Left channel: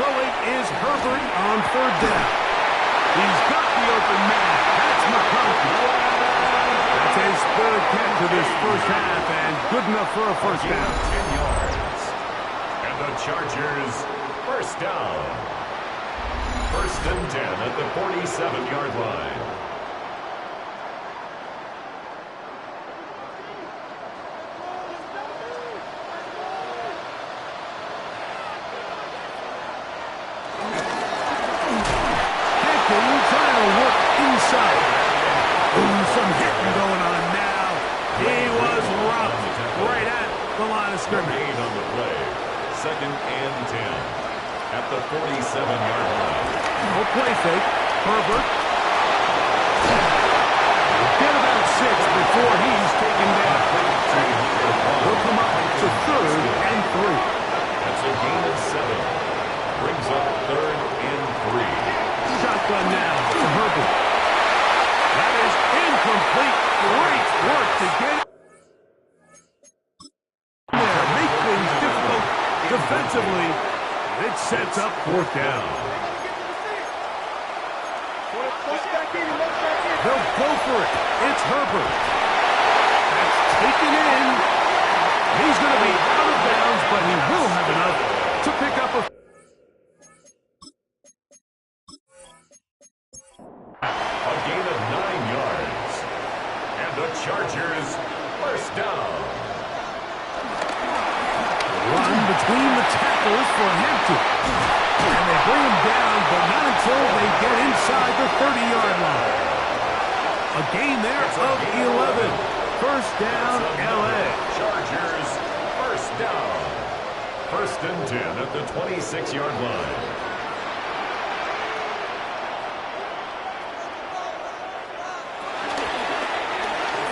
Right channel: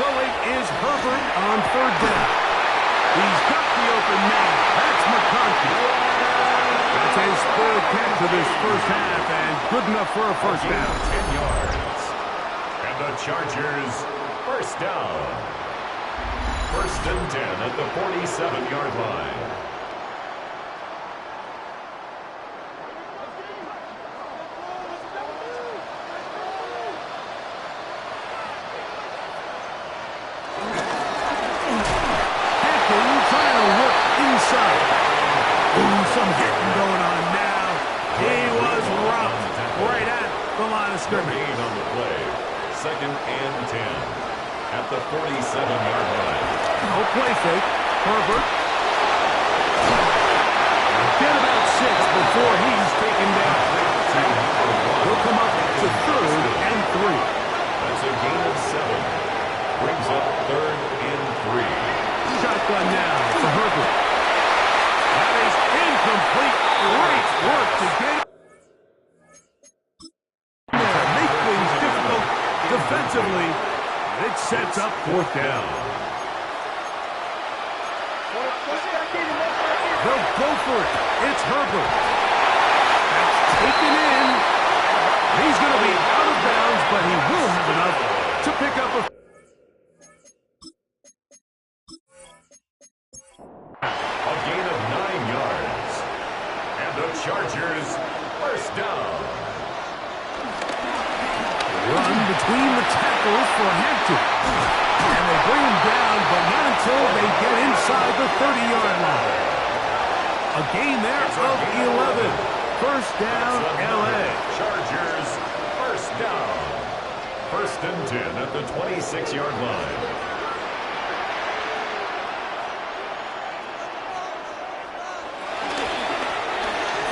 throwing is Herbert on third down. He's got the open man. That's McConkey. That's his third catch of this first half, and good enough for a first down. 10 yards. And the Chargers, first down. First and 10 at the 47-yard line. Trying to work inside. Ooh, some hitting going on now. He was robbed right at the line of scrimmage. On the play. Second and 10 at the 47-yard line. No play fake. Herbert. Get about 6 before he's taken down. He'll come up to third and 3. That's a gain of 7. Brings up third and 3. Shotgun now for Herbert. That is incomplete. Great work to get it there. Make things difficult defensively. It sets up fourth down. They'll go for it. It's Herbert. That's taken in. He's going to be out of bounds, but he will have enough to pick up a gain of 9 yards. And the Chargers, first down. Run between the tackles for Hampton. And they bring him down, but not until they get inside the 30-yard line. A gain there of 11. First down, L.A. Chargers, first down. First and 10 at the 26-yard line.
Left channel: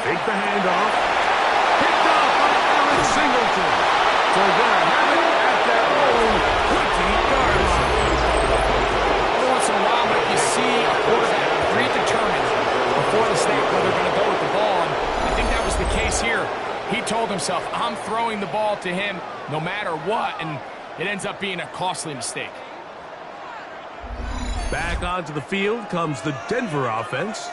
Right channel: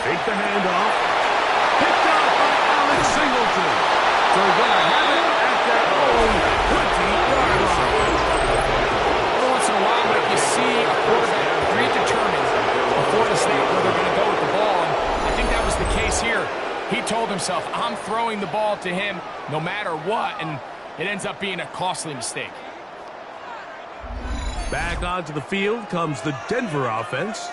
Take the handoff. Picked up by Alex Singleton. So they're going to have it at their own 20-yard line. Every once in a while, Mike, you see a quarterback predetermined before the snap where they're going to go with the ball, and I think that was the case here. He told himself, I'm throwing the ball to him no matter what, and it ends up being a costly mistake. Back onto the field comes the Denver offense.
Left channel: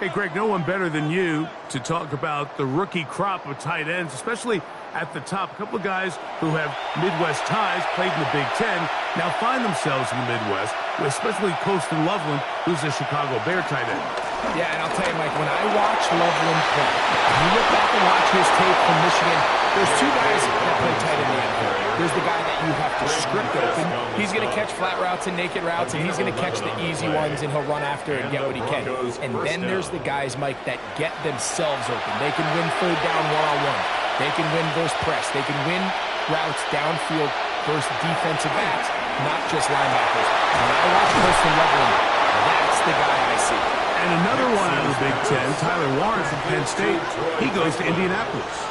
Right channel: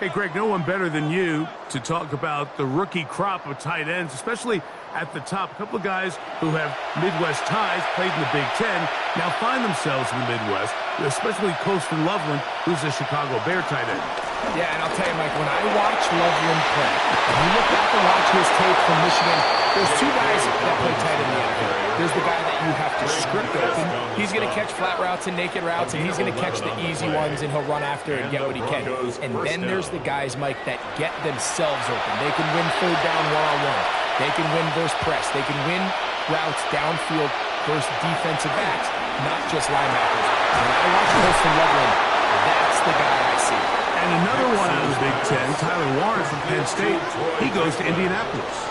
Hey, Greg, no one better than you to talk about the rookie crop of tight ends, especially at the top. A couple of guys who have Midwest ties, played in the Big Ten, now find themselves in the Midwest, especially Colston Loveland, who's a Chicago Bear tight end. Yeah, and I'll tell you, Mike, when I watch Loveland play, when you look back and watch his tape from Michigan, there's two guys that play tight in the NFL. There's the guy that you have to script open. He's going to catch flat routes and naked routes, and he's going to catch the easy ones, and he'll run after and get what he can. And then there's the guys, Mike, that get themselves open. They can win third down one-on-one. They can win versus press. They can win routes downfield versus defensive backs, not just linebackers. When I watch Colston Loveland, that's the guy I see. And another one out of the Big Ten, Tyler Warren from Penn State. He goes to Indianapolis.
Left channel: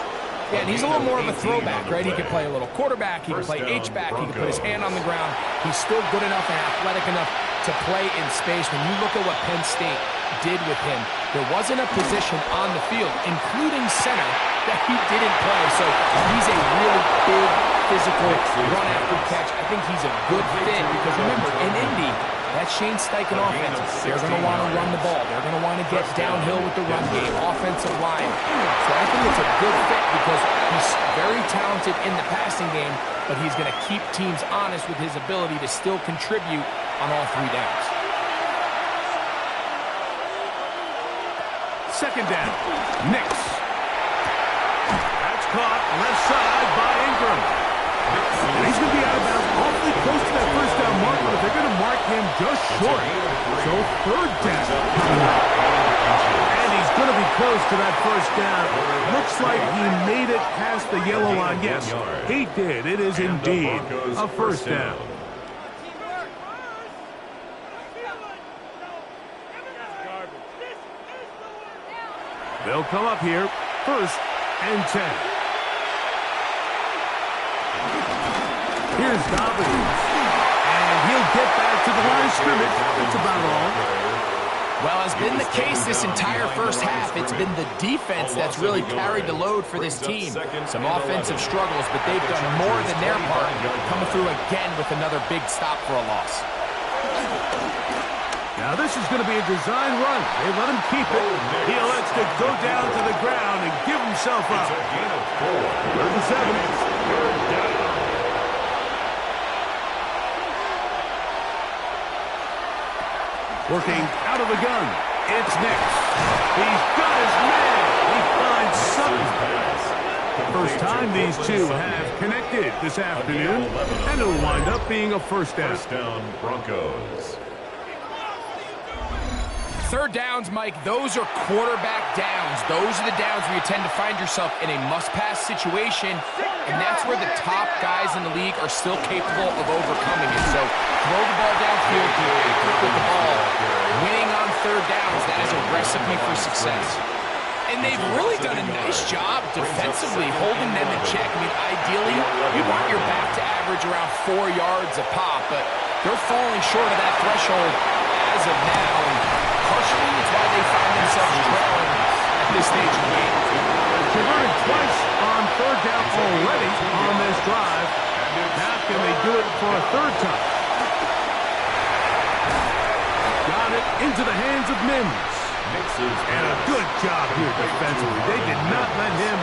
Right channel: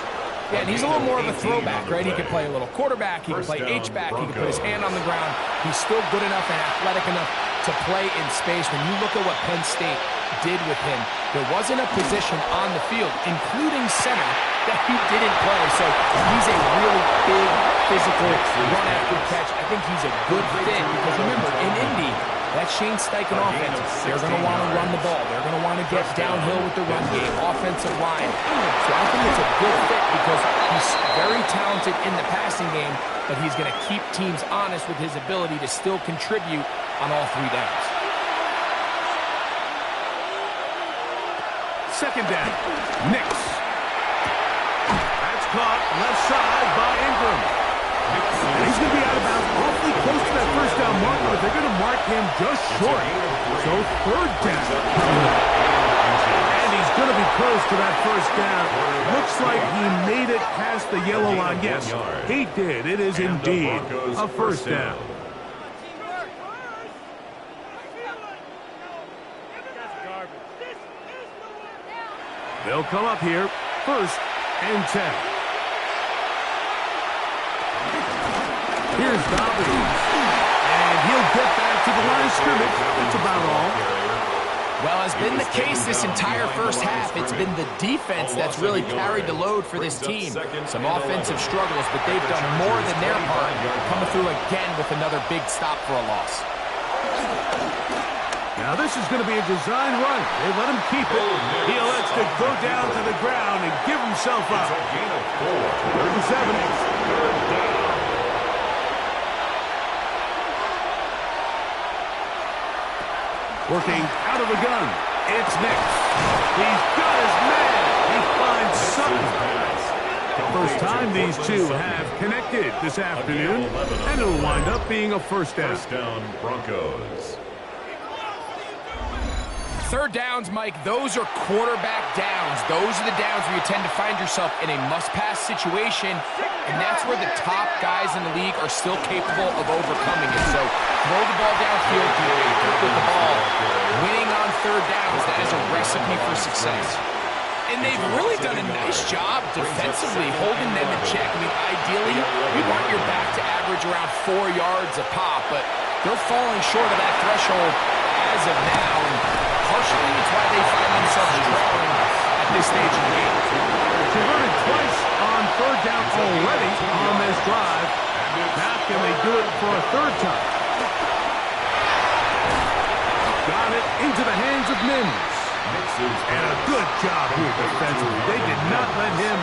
Yeah, and he's a little more of a throwback, right? He can play a little quarterback, he can play H-back, he can put his hand on the ground. He's still good enough and athletic enough to play in space. When you look at what Penn State did with him, there wasn't a position on the field, including center, that he didn't play. So he's a really big, physical, run-after-catch. I think he's a good fit because, remember, in Indy, that Shane Steichen offense, they're going to want to run the ball. They're going to want to get downhill with the run game, offensive line. So I think it's a good fit because he's very talented in the passing game, but he's going to keep teams honest with his ability to still contribute on all three downs. Second down, Nix. That's caught left side by Ingram. And he's going to be out of bounds awfully close to that first down mark, but they're going to mark him just short. So third down. And he's going to be close to that first down. Looks like he made it past the yellow line. Yes, he did. It is indeed a first down. They'll come up here, first and 10. Here's Dobbins, and he'll get back to the line of scrimmage. That's about all. Well, has been the case this entire first half. It's been the defense that's really carried the load for this team. Some offensive struggles, but they've done more than their part, coming through again with another big stop for a loss. Now this is going to be a design run. They let him keep it. He elects to go down to the ground and give himself up. It's a gain of 4. 37. Third down. Working out of the gun. It's Nix. He's got his man. He finds Sutton. First time these two have connected this afternoon, and it'll wind up being a first down. First down, Broncos. Third downs, Mike, those are quarterback downs. Those are the downs where you tend to find yourself in a must-pass situation, and that's where the top guys in the league are still capable of overcoming it. So throw the ball downfield, be accurate with the ball. Winning on third downs, that is a recipe for success. And they've really done a nice job defensively holding them in check. I mean, ideally, you want your back to average around 4 yards a pop, but they're falling short of that threshold as of now. And partially, it's why they find themselves trailing at this stage of the game. Converted twice on third down already on this drive. Now can they do it for a third time? Got it into the hands of Mims. And a good job here defensively. They did not let him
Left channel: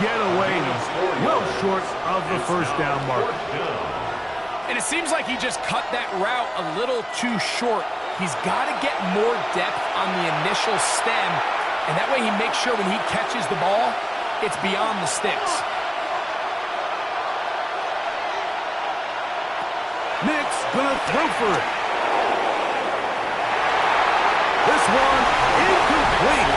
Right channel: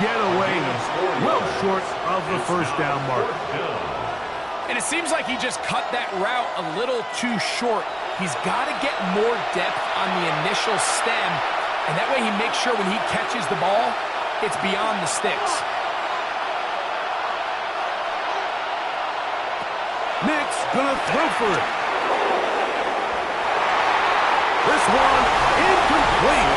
get away. He's well short of the first down mark. And it seems like he just cut that route a little too short. He's got to get more depth on the initial stem, and that way he makes sure when he catches the ball, it's beyond the sticks. Nix gonna throw for it. This one incomplete.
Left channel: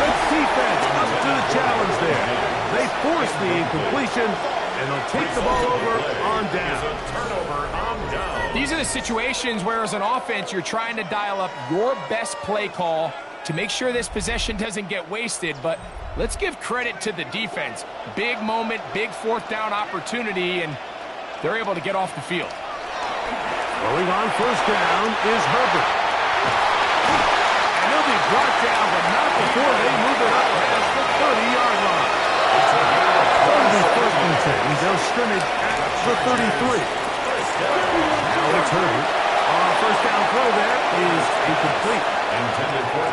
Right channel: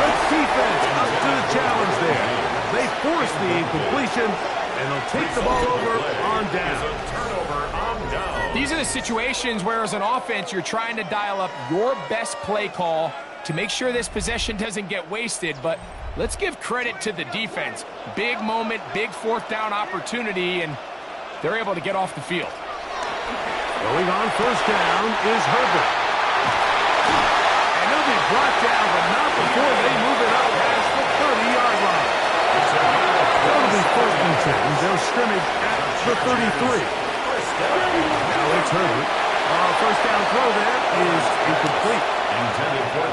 Good defense up to the challenge there. They force the incompletion, and they'll take the ball over on down. Turnover on down. These are the situations where, as an offense, you're trying to dial up your best play call to make sure this possession doesn't get wasted. But let's give credit to the defense. Big moment, big fourth down opportunity, and they're able to get off the field. Going on first down is Herbert. And he'll be brought down, but not before they move it up past the 30-yard line. It'll be first and 10. They'll scrimmage at the 33. Now it's Herbert. First down throw there is incomplete.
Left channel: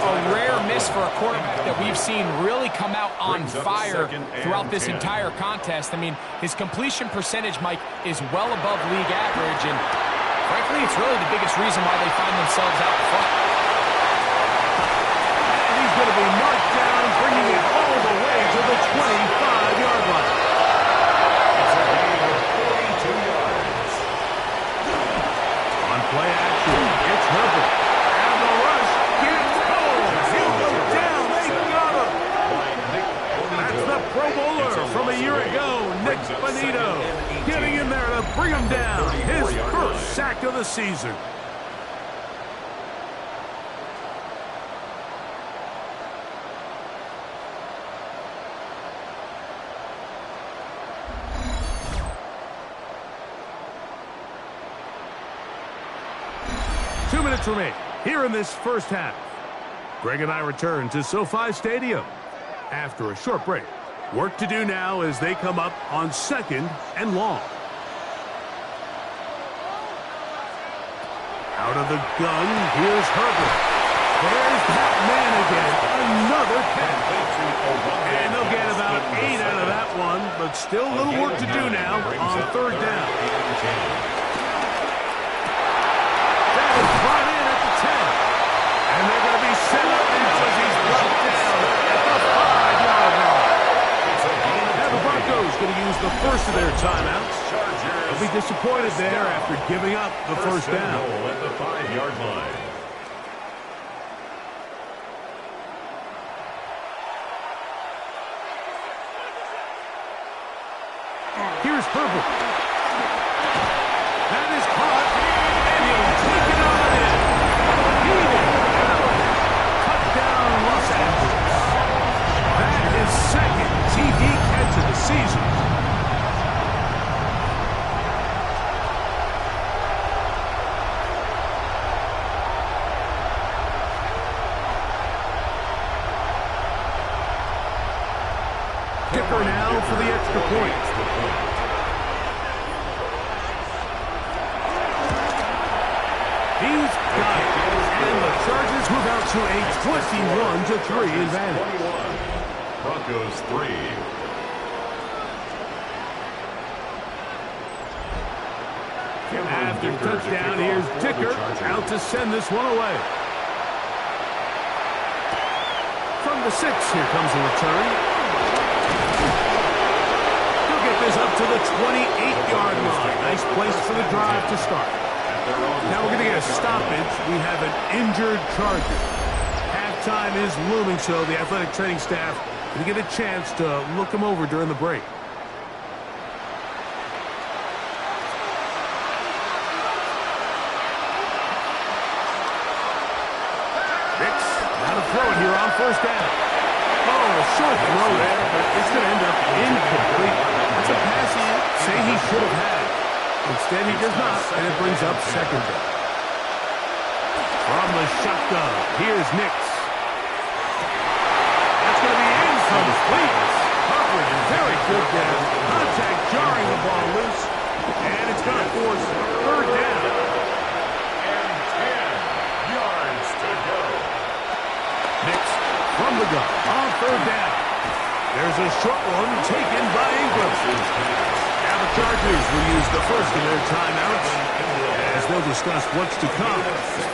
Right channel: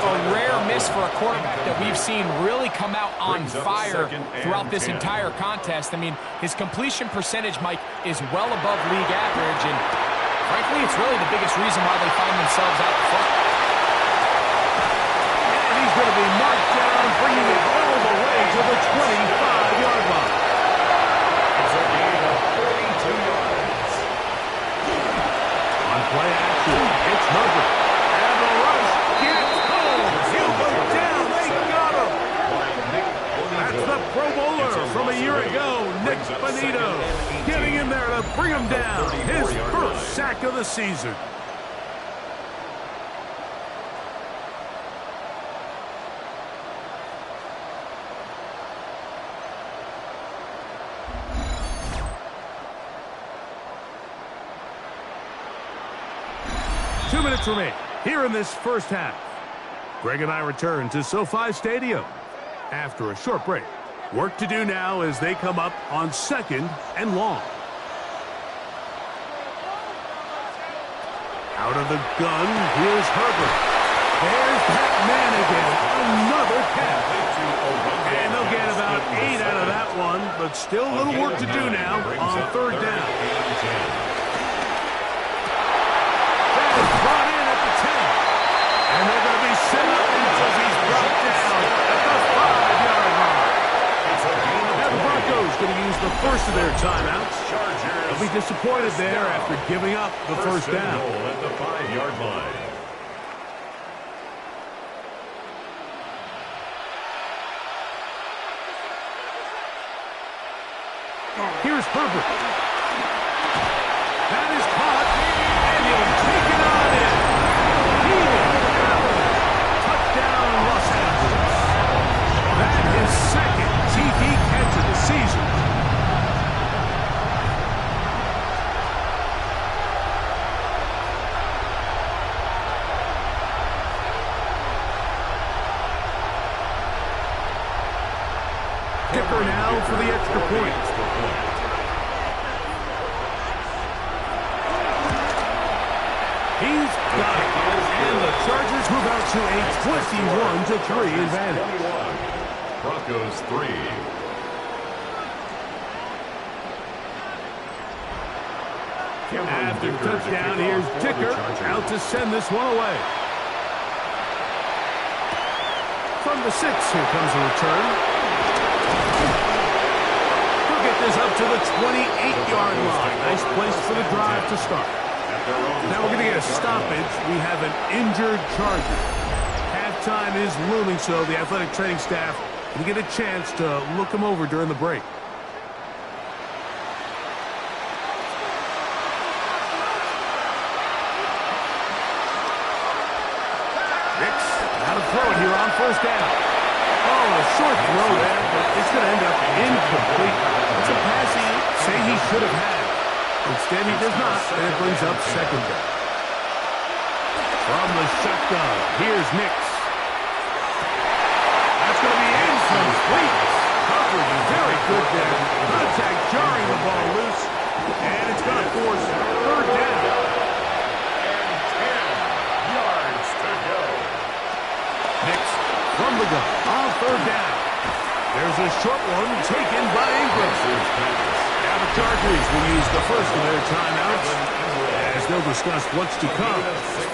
A rare miss for a quarterback that we've seen really come out on fire throughout this entire contest. I mean, his completion percentage, Mike, is well above league average, and frankly, it's really the biggest reason why they find themselves out front. And he's going to be marked down, bringing it all the way to the 25-yard line. It's a gain of 42 yards. On play action, it's Herbert. And the rush gets home. He'll go down. They got him. That's the Pro Bowler from a year ago, Nick Bonito, getting in there to bring him down. His first sack of the season. Two minutes remain here in this first half. Greg and I return to SoFi Stadium after a short break. Work to do now as they come up on second and long. Out of the gun, here's Herbert. There's that man again, another catch. And they'll get about 8 out of that one, but still a little work to do now on third down. That is brought in at the 10. And they're going to be set up now as he's brought down at the 5-yard line. Now the Broncos going to use the first of their timeouts. They'll be disappointed there after giving up the first down. At the 5-yard line. Here's Herbert. That is caught, and he'll take it on in. Keenan Allen. Touchdown, Los Angeles. That is second TD catch of the season. Dicker now for the extra point. He's got it. And the Chargers move out to a 21-3 advantage. Broncos 3. After the touchdown, here's Dicker out to send this one away. From the 6, here comes a return. He'll get this up to the 28-yard line. Nice place for the drive to start. Now we're going to get a stoppage. We have an injured Charger. Halftime is looming, so the athletic training staff going to get a chance to look him over during the break. Throw it here on first down. Oh, a short throw there, but it's going to end up incomplete. That's a pass he say he should have had. Instead, he does not, and it brings up second down. From the shotgun, here's Nix. That's going to be incomplete. Coverage is very good there. Contact jarring the ball loose, and it's going to force third down. And 10 yards to go. Nix from the gun on third down. There's a short one taken by Ingram. Now the Chargers will use the first of their timeouts as they'll discuss what's to come.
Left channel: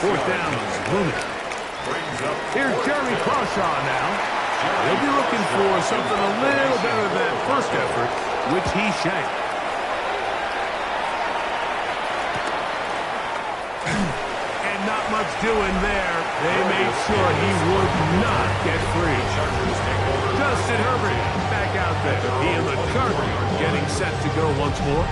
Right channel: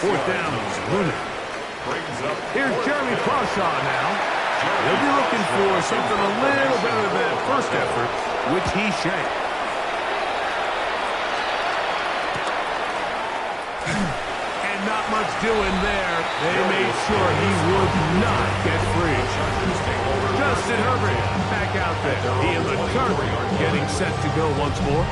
Fourth down is looming. Here's Jeremy Crawshaw now. He'll be looking for something a little better than first effort, which he shanked. Not much doing there. They made sure he would not get free. Justin Herbert back out there. He and the Chargers getting set to go once more.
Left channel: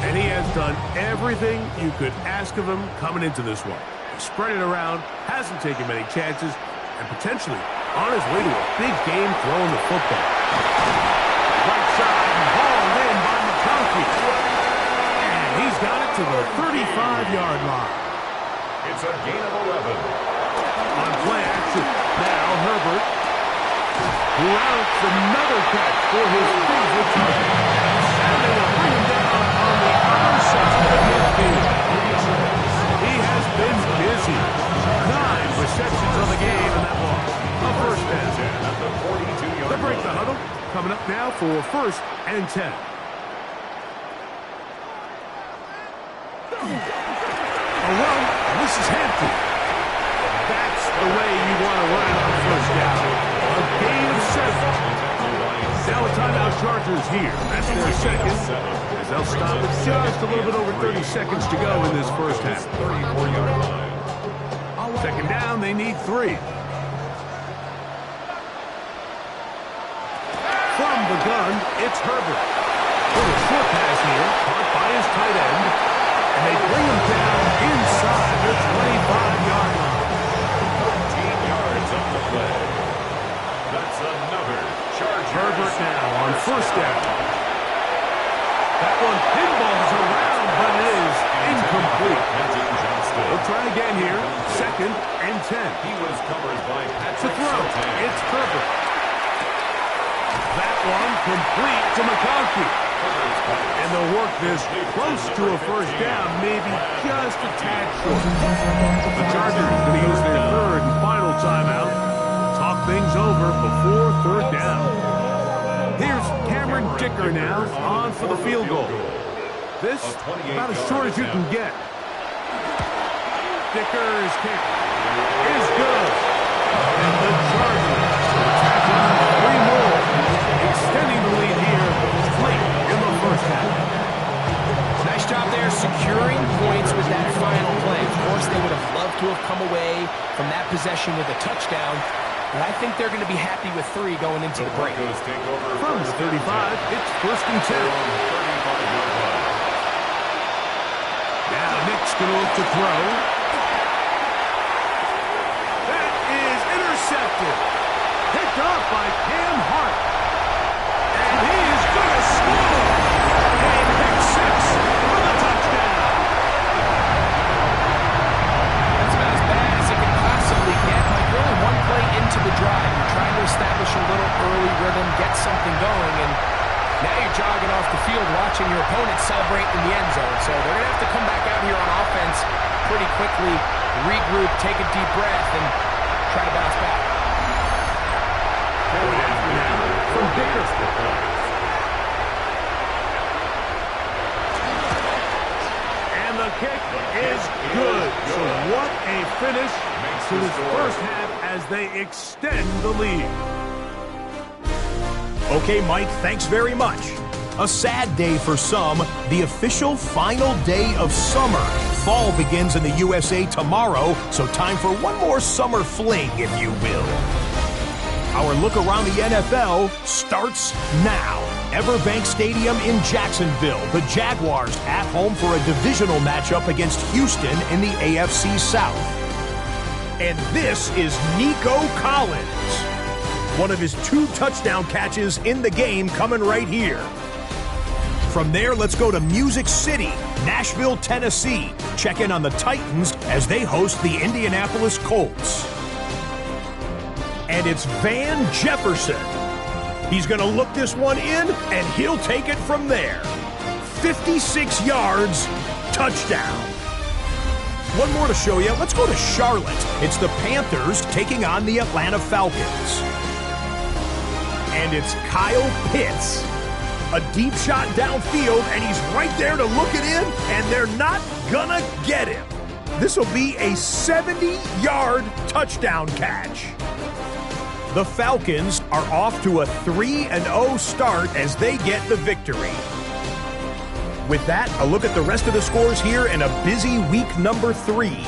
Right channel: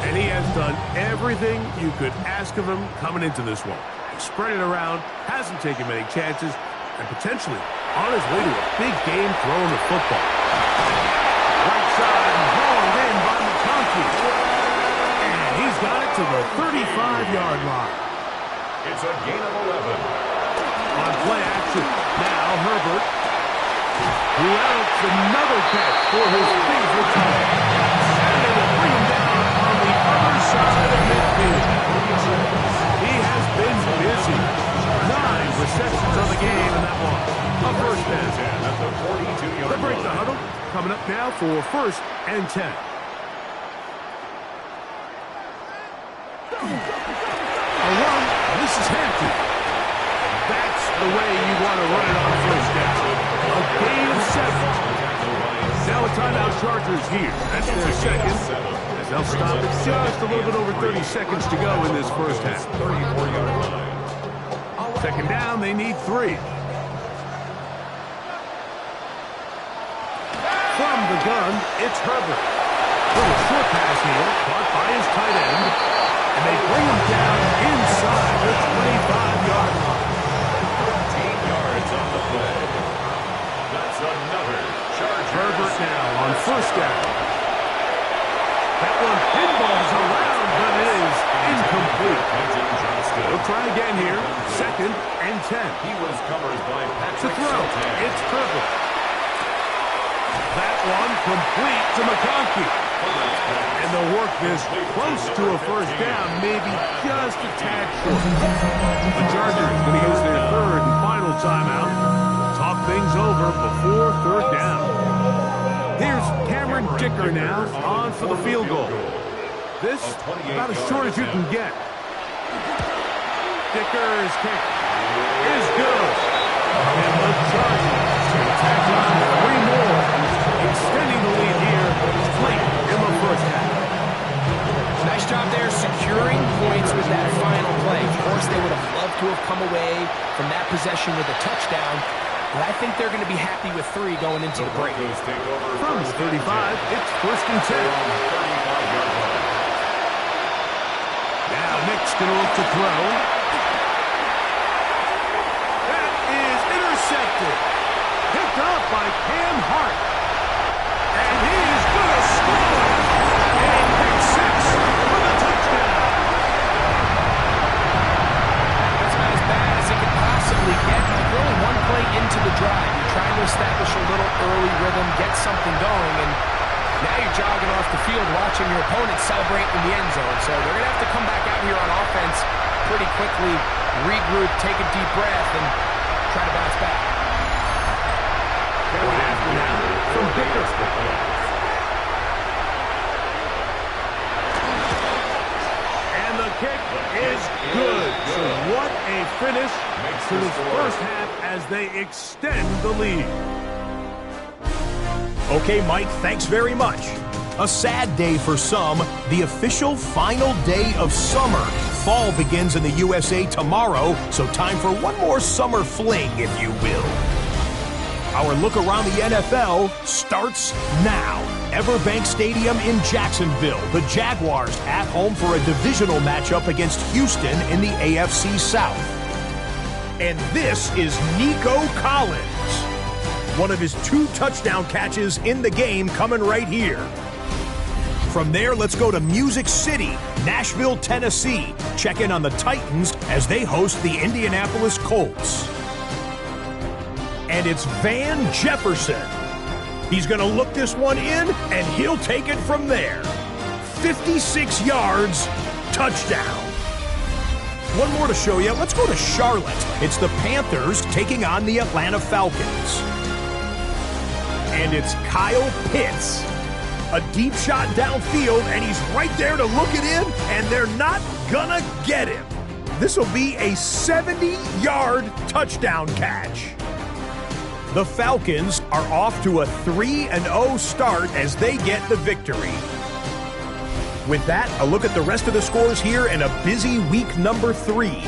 And he has done everything you could ask of him coming into this one. He spread it around, hasn't taken many chances, and potentially on his way to a big game throwing the football. Right side and hauled in by McConkey. And he's got it to the 35-yard line. It's a gain of 11. On play action, now Herbert, who outs another catch for his favorite target. And they will bring him down on the other side of midfield. He has been busy. 9 receptions on the game, and that one, a first down. At the 42-yard line. They break the huddle. Coming up now for first and 10. A run, and this is Hampton. That's the way you want to run it on first down. A gain of 7. Now a timeout Chargers here. That's their second. As they'll stop it just a little bit over 30 seconds to go in this first half. 34-yard line. Second down, they need 3. From the gun, it's Herbert. Little short pass here, caught by his tight end. And they bring him down inside the 25-yard line. 13 yards on the play. That's another Charger. Herbert now on first down. That one pinballs around, but it is incomplete. They'll try again here. Second and 10. He was covered by Patrick. To throw, it's Herbert. That one complete to McConkey. And they'll work this close to a first down, maybe just a tad short. The Chargers going to use their third and final timeout. Talk things over before third down. Here's Cameron Dicker now on for the field goal. This about as short as you can get. Dicker's kick is good. And the Chargers will tack on 3 more, extending the lead here late in the first half. Nice job there securing points with that final play. Of course, they would have loved to have come away from that possession with a touchdown, but I think they're going to be happy with 3 going into the break. From the 35, it's first and 10. Now Nick's going to look to throw. That is intercepted. Picked up by Cam Hart. And he is going to score. And pick 6 for the touchdown. That's about as bad as it could possibly get. Like, really one play into the drive. You're trying to establish a little early rhythm, get get something going, and now you're jogging off the field watching your opponent celebrate in the end zone. So they're going to have to come back out here on offense pretty quickly, regroup, take a deep breath, and try to bounce back. From Dicker. And the kick is good. So what a finish to this first half as they extend the lead. Okay, Mike, thanks very much. A sad day for some, the official final day of summer. Fall begins in the USA tomorrow, so time for one more summer fling, if you will. Our look around the NFL starts now. Everbank Stadium in Jacksonville. The Jaguars at home for a divisional matchup against Houston in the AFC South. And this is Nico Collins. One of his 2 touchdown catches in the game coming right here. From there, let's go to Music City, Nashville, Tennessee. Check in on the Titans as they host the Indianapolis Colts. And it's Van Jefferson. He's going to look this one in, and he'll take it from there. 56 yards, touchdown. One more to show you. Let's go to Charlotte. It's the Panthers taking on the Atlanta Falcons. And it's Kyle Pitts. A deep shot downfield, and he's right there to look it in, and they're not gonna get him. This will be a 70-yard touchdown catch. The Falcons are off to a 3-0 start as they get the victory. With that, a look at the rest of the scores here in a busy week number 3.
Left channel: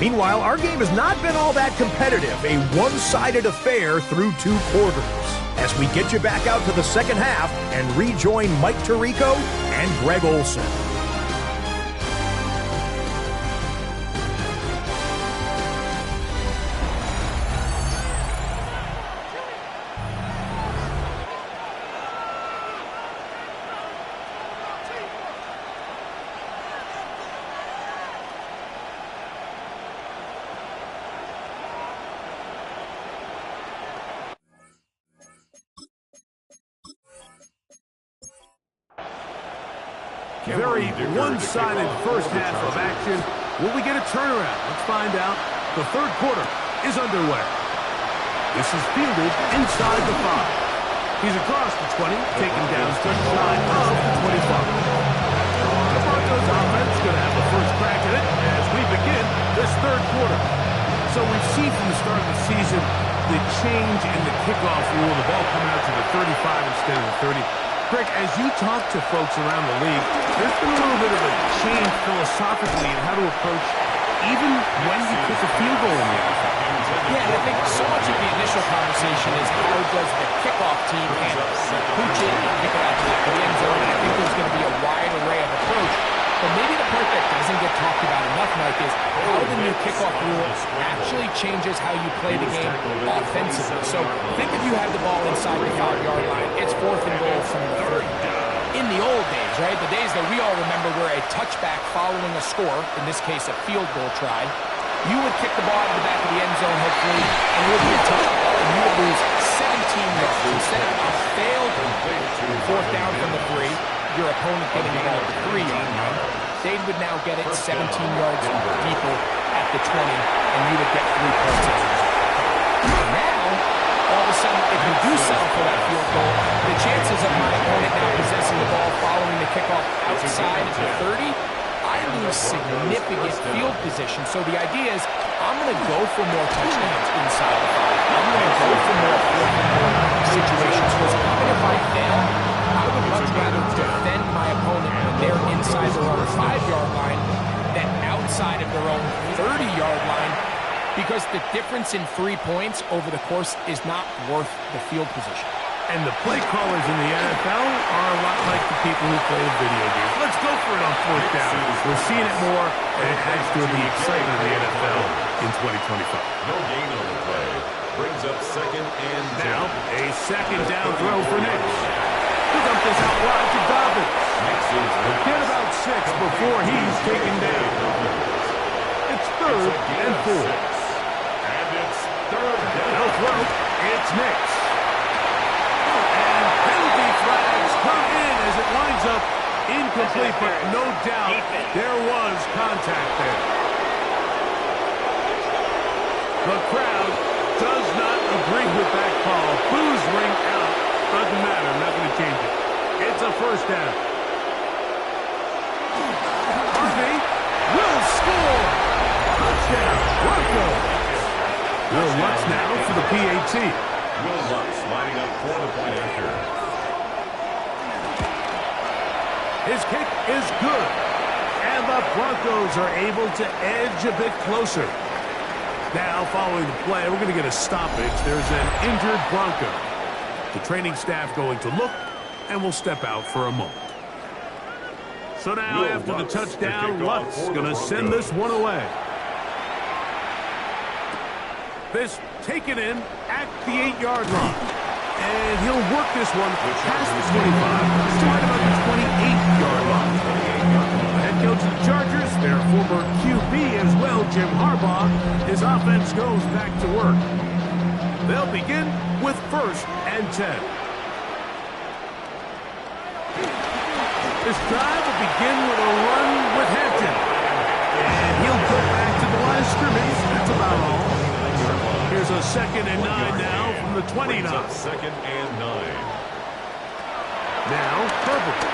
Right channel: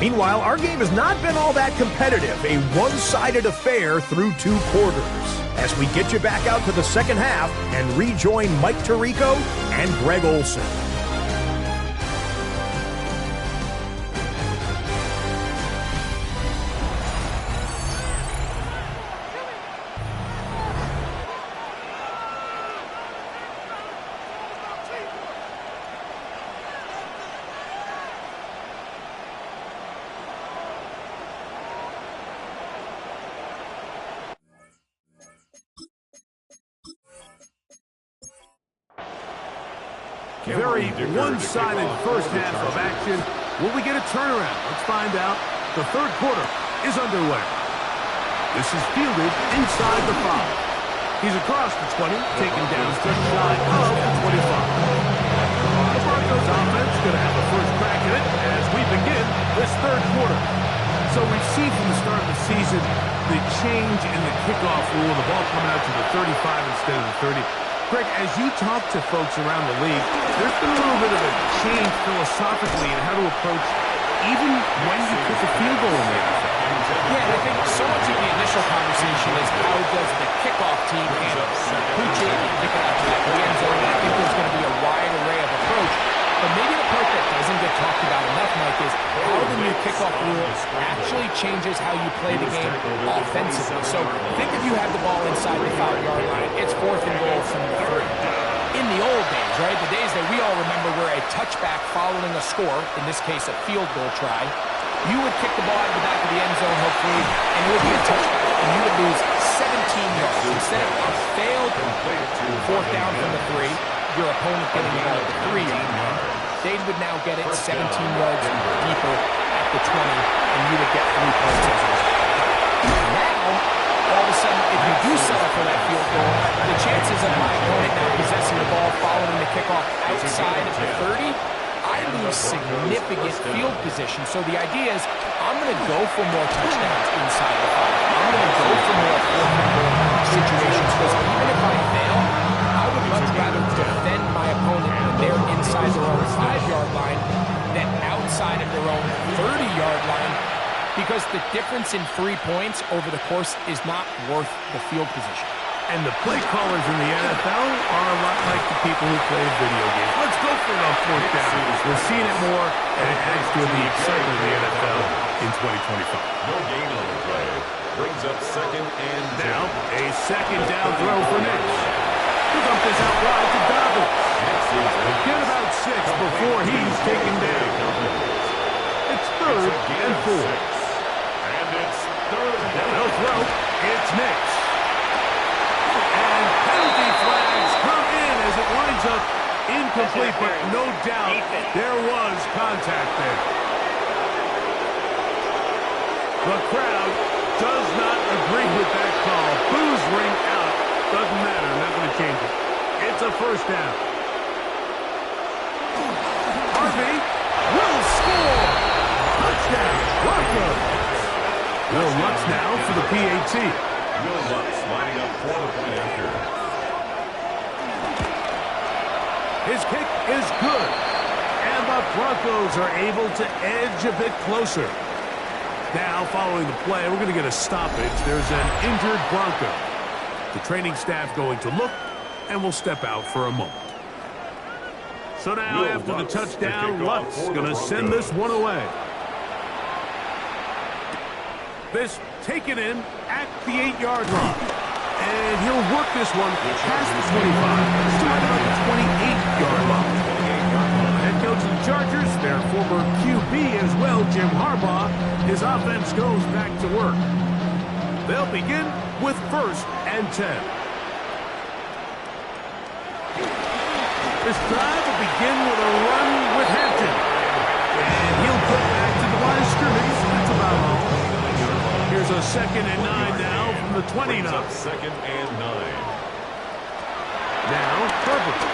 Meanwhile, our game has not been all that competitive, a one-sided affair through 2 quarters. As we get you back out to the second half and rejoin Mike Tirico and Greg Olson. Very one-sided first half of action. Will we get a turnaround? Let's find out. The third quarter is underway. This is fielded inside the 5. He's across the 20, taken down just shy of the 25. The Broncos offense going to have the first crack at it as we begin this third quarter. So we've seen from the start of the season the change in the kickoff rule, the ball coming out to the 35 instead of the 30. Greg, as you talk to folks around the league, there's been a little bit of a change philosophically in how to approach even when you kick a field goal in the NFL. Yeah, and I think so much of the initial conversation is how does the kickoff team handle it? Pooch it and kick it out to the back of the end zone, and I think there's going to be a wide array of approach. But maybe the part that doesn't get talked about enough, Mike, is how the new kickoff rule actually changes how you play the game offensively. So think if you have the ball inside the 5-yard line, it's 4th and goal from the 3. In the old days, right, the days that we all remember were a touchback following a score, in this case a field goal try, you would kick the ball out of the back of the end zone, hopefully, and it would be a touchback, and you would lose 17 yards. Instead of a failed 4th down from the 3, your opponent getting the ball at the 3-yard line, they would now get it 17 yards deeper at the 20, and you would get 3 points as a result. Now, all of a sudden, if you do settle for that field goal, the chances of my opponent now possessing the ball following the kickoff outside of the 30, I lose significant field position. So the idea is I'm going to go for more touchdowns inside the 5. I'm going to go for more 4th and goal situations, because even if I fail, I would much rather defend my opponent when they're inside their own 5-yard line than outside of their own 30-yard line, because the difference in 3 points over the course is not worth the field position. And the play callers in the NFL are a lot like the people who play the video games. Let's go for it on 4th down. We're seeing it more, and it adds to the excitement of the NFL in 2025. No gain on the play. Brings up 2nd and 10. Now, a 2nd down throw for Nix. He'll dump this out wide to Dobbins. Get about 6 before he's taken down. It's 3rd and 4. And it's 3rd down. They'll throw. It's Nix. winds up incomplete, but no doubt there was contact there. The crowd does not agree with that call. Boos ring out. Doesn't matter. I'm not going to change it. It's a first down. Harvey will score. Touchdown, Broncos. Will Lutz now for the PAT. Will Lutz lining up for the point after. His kick is good. And the Broncos are able to edge a bit closer. Now, following the play, we're going to get a stoppage. There's an injured Bronco. The training staff going to look, and we'll step out for a moment. So now, after the touchdown, Lutz going to send this one away. This taken in at the 8-yard line. And he'll work this one past the 25 to right about the 28-yard line. Head coach of the Chargers, their former QB as well, Jim Harbaugh, his offense goes back to work. They'll begin with 1st and 10. This drive will begin with a run with Hampton. And he'll get back to the line of scrimmage. That's about all. Here's a 2nd and 9 now from the 29. 2nd and 9. Now, Herbert.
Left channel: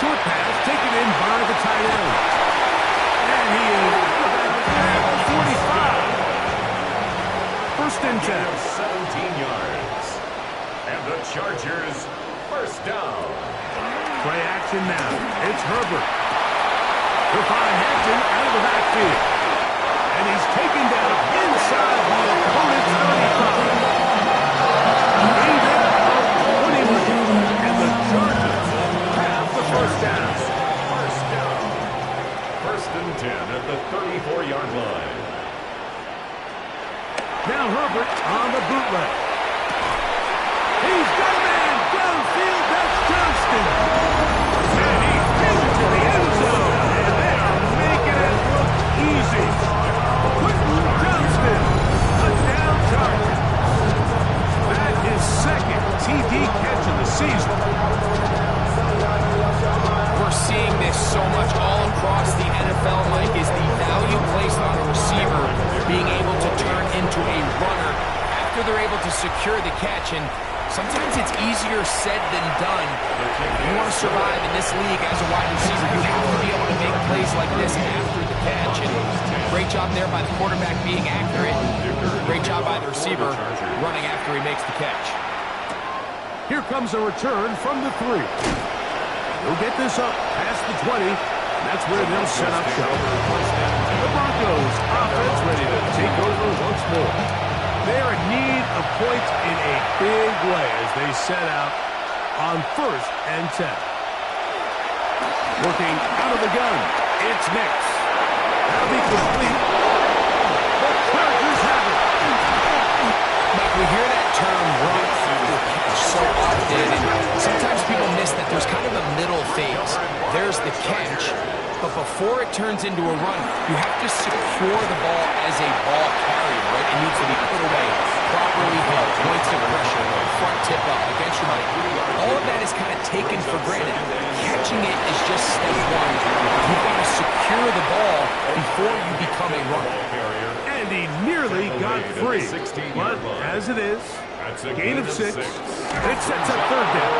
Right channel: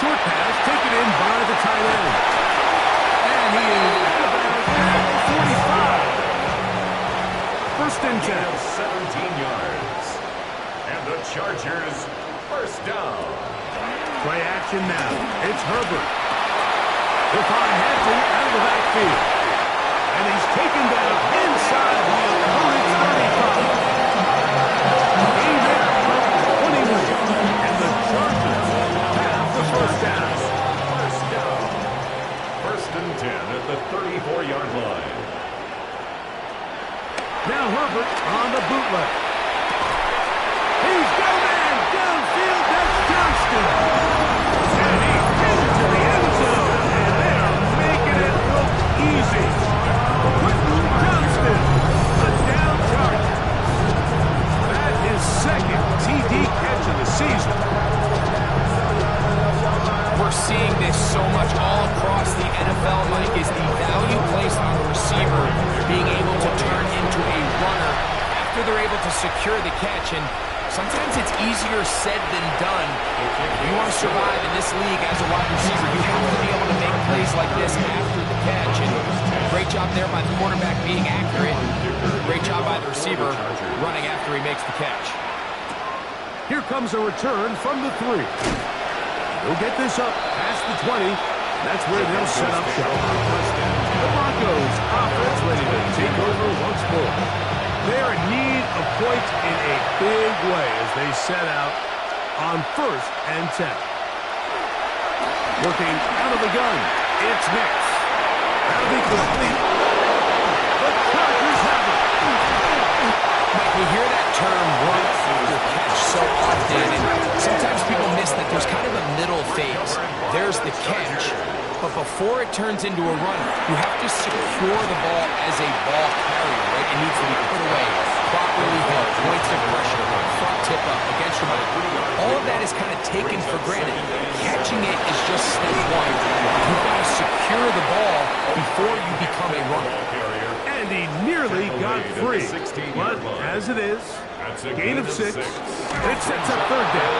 Short pass taken in by the tight end. And he is at the 45. 1st and 10. 17 yards. And the Chargers, 1st down. Play action now. It's Herbert. He'll find Hampton out of the backfield. And he's taken down inside the opponent's 35. Gain there of 21. And the Chargers have the 1st down. 1st down. 1st and 10 at the 34-yard line. Now Herbert on the bootleg. He's got a man downfield. That's Johnston. And he gets it to the end zone. And they are making it look easy. Quentin Johnston, touchdown Chargers. That is 2nd TD catch of the season. We're seeing this so much all across the NFL, Mike, is the value placed on a receiver being able to turn into a runner after they're able to secure the catch. And sometimes it's easier said than done. If you want to survive in this league as a wide receiver, you have to be able to make plays like this after the catch. And great job there by the quarterback being accurate. Great job by the receiver running after he makes the catch. Here comes a return from the 3. He'll get this up past the 20. That's where they'll set up shop. The Broncos offense ready to take over once more. They are in need of points in a big way as they set out on 1st and 10. Working out of the gun, it's Nix. That'll be complete. The Chargers have it. Mike, we hear that term run or catch so often, and sometimes people miss that there's kind of a middle phase. There's the catch, but before it turns into a run, you have to secure the ball as a ball carrier, right? It needs to be put away, properly held, points of pressure, front tip up, against your body. All of that is kind of taken for granted. Catching it is just step 1. You've got to secure the ball before you become a runner. And he nearly got free. But as it is, gain of 6. It sets up 3rd down.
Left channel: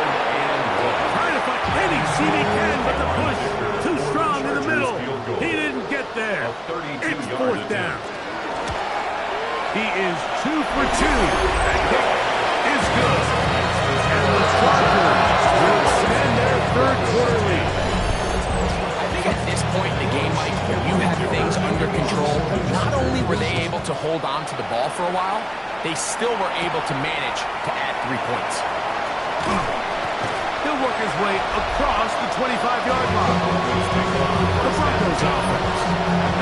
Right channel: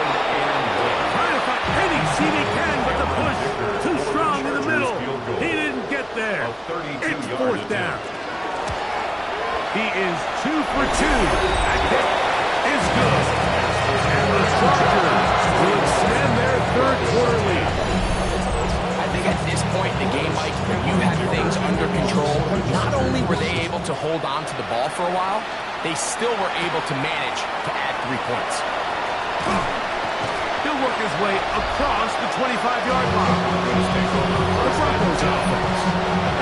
Trying to find any seam he can, but the push too strong in the middle. He didn't get there. It's 4th down. He is 2 for 2. That kick is good. And the Chargers will extend their 3rd quarter lead. I think at this point in the game, Mike, you have things under control. Not only were they able to hold on to the ball for a while, they still were able to manage to add 3 points. He'll work his way across the 25-yard line. The Broncos offense.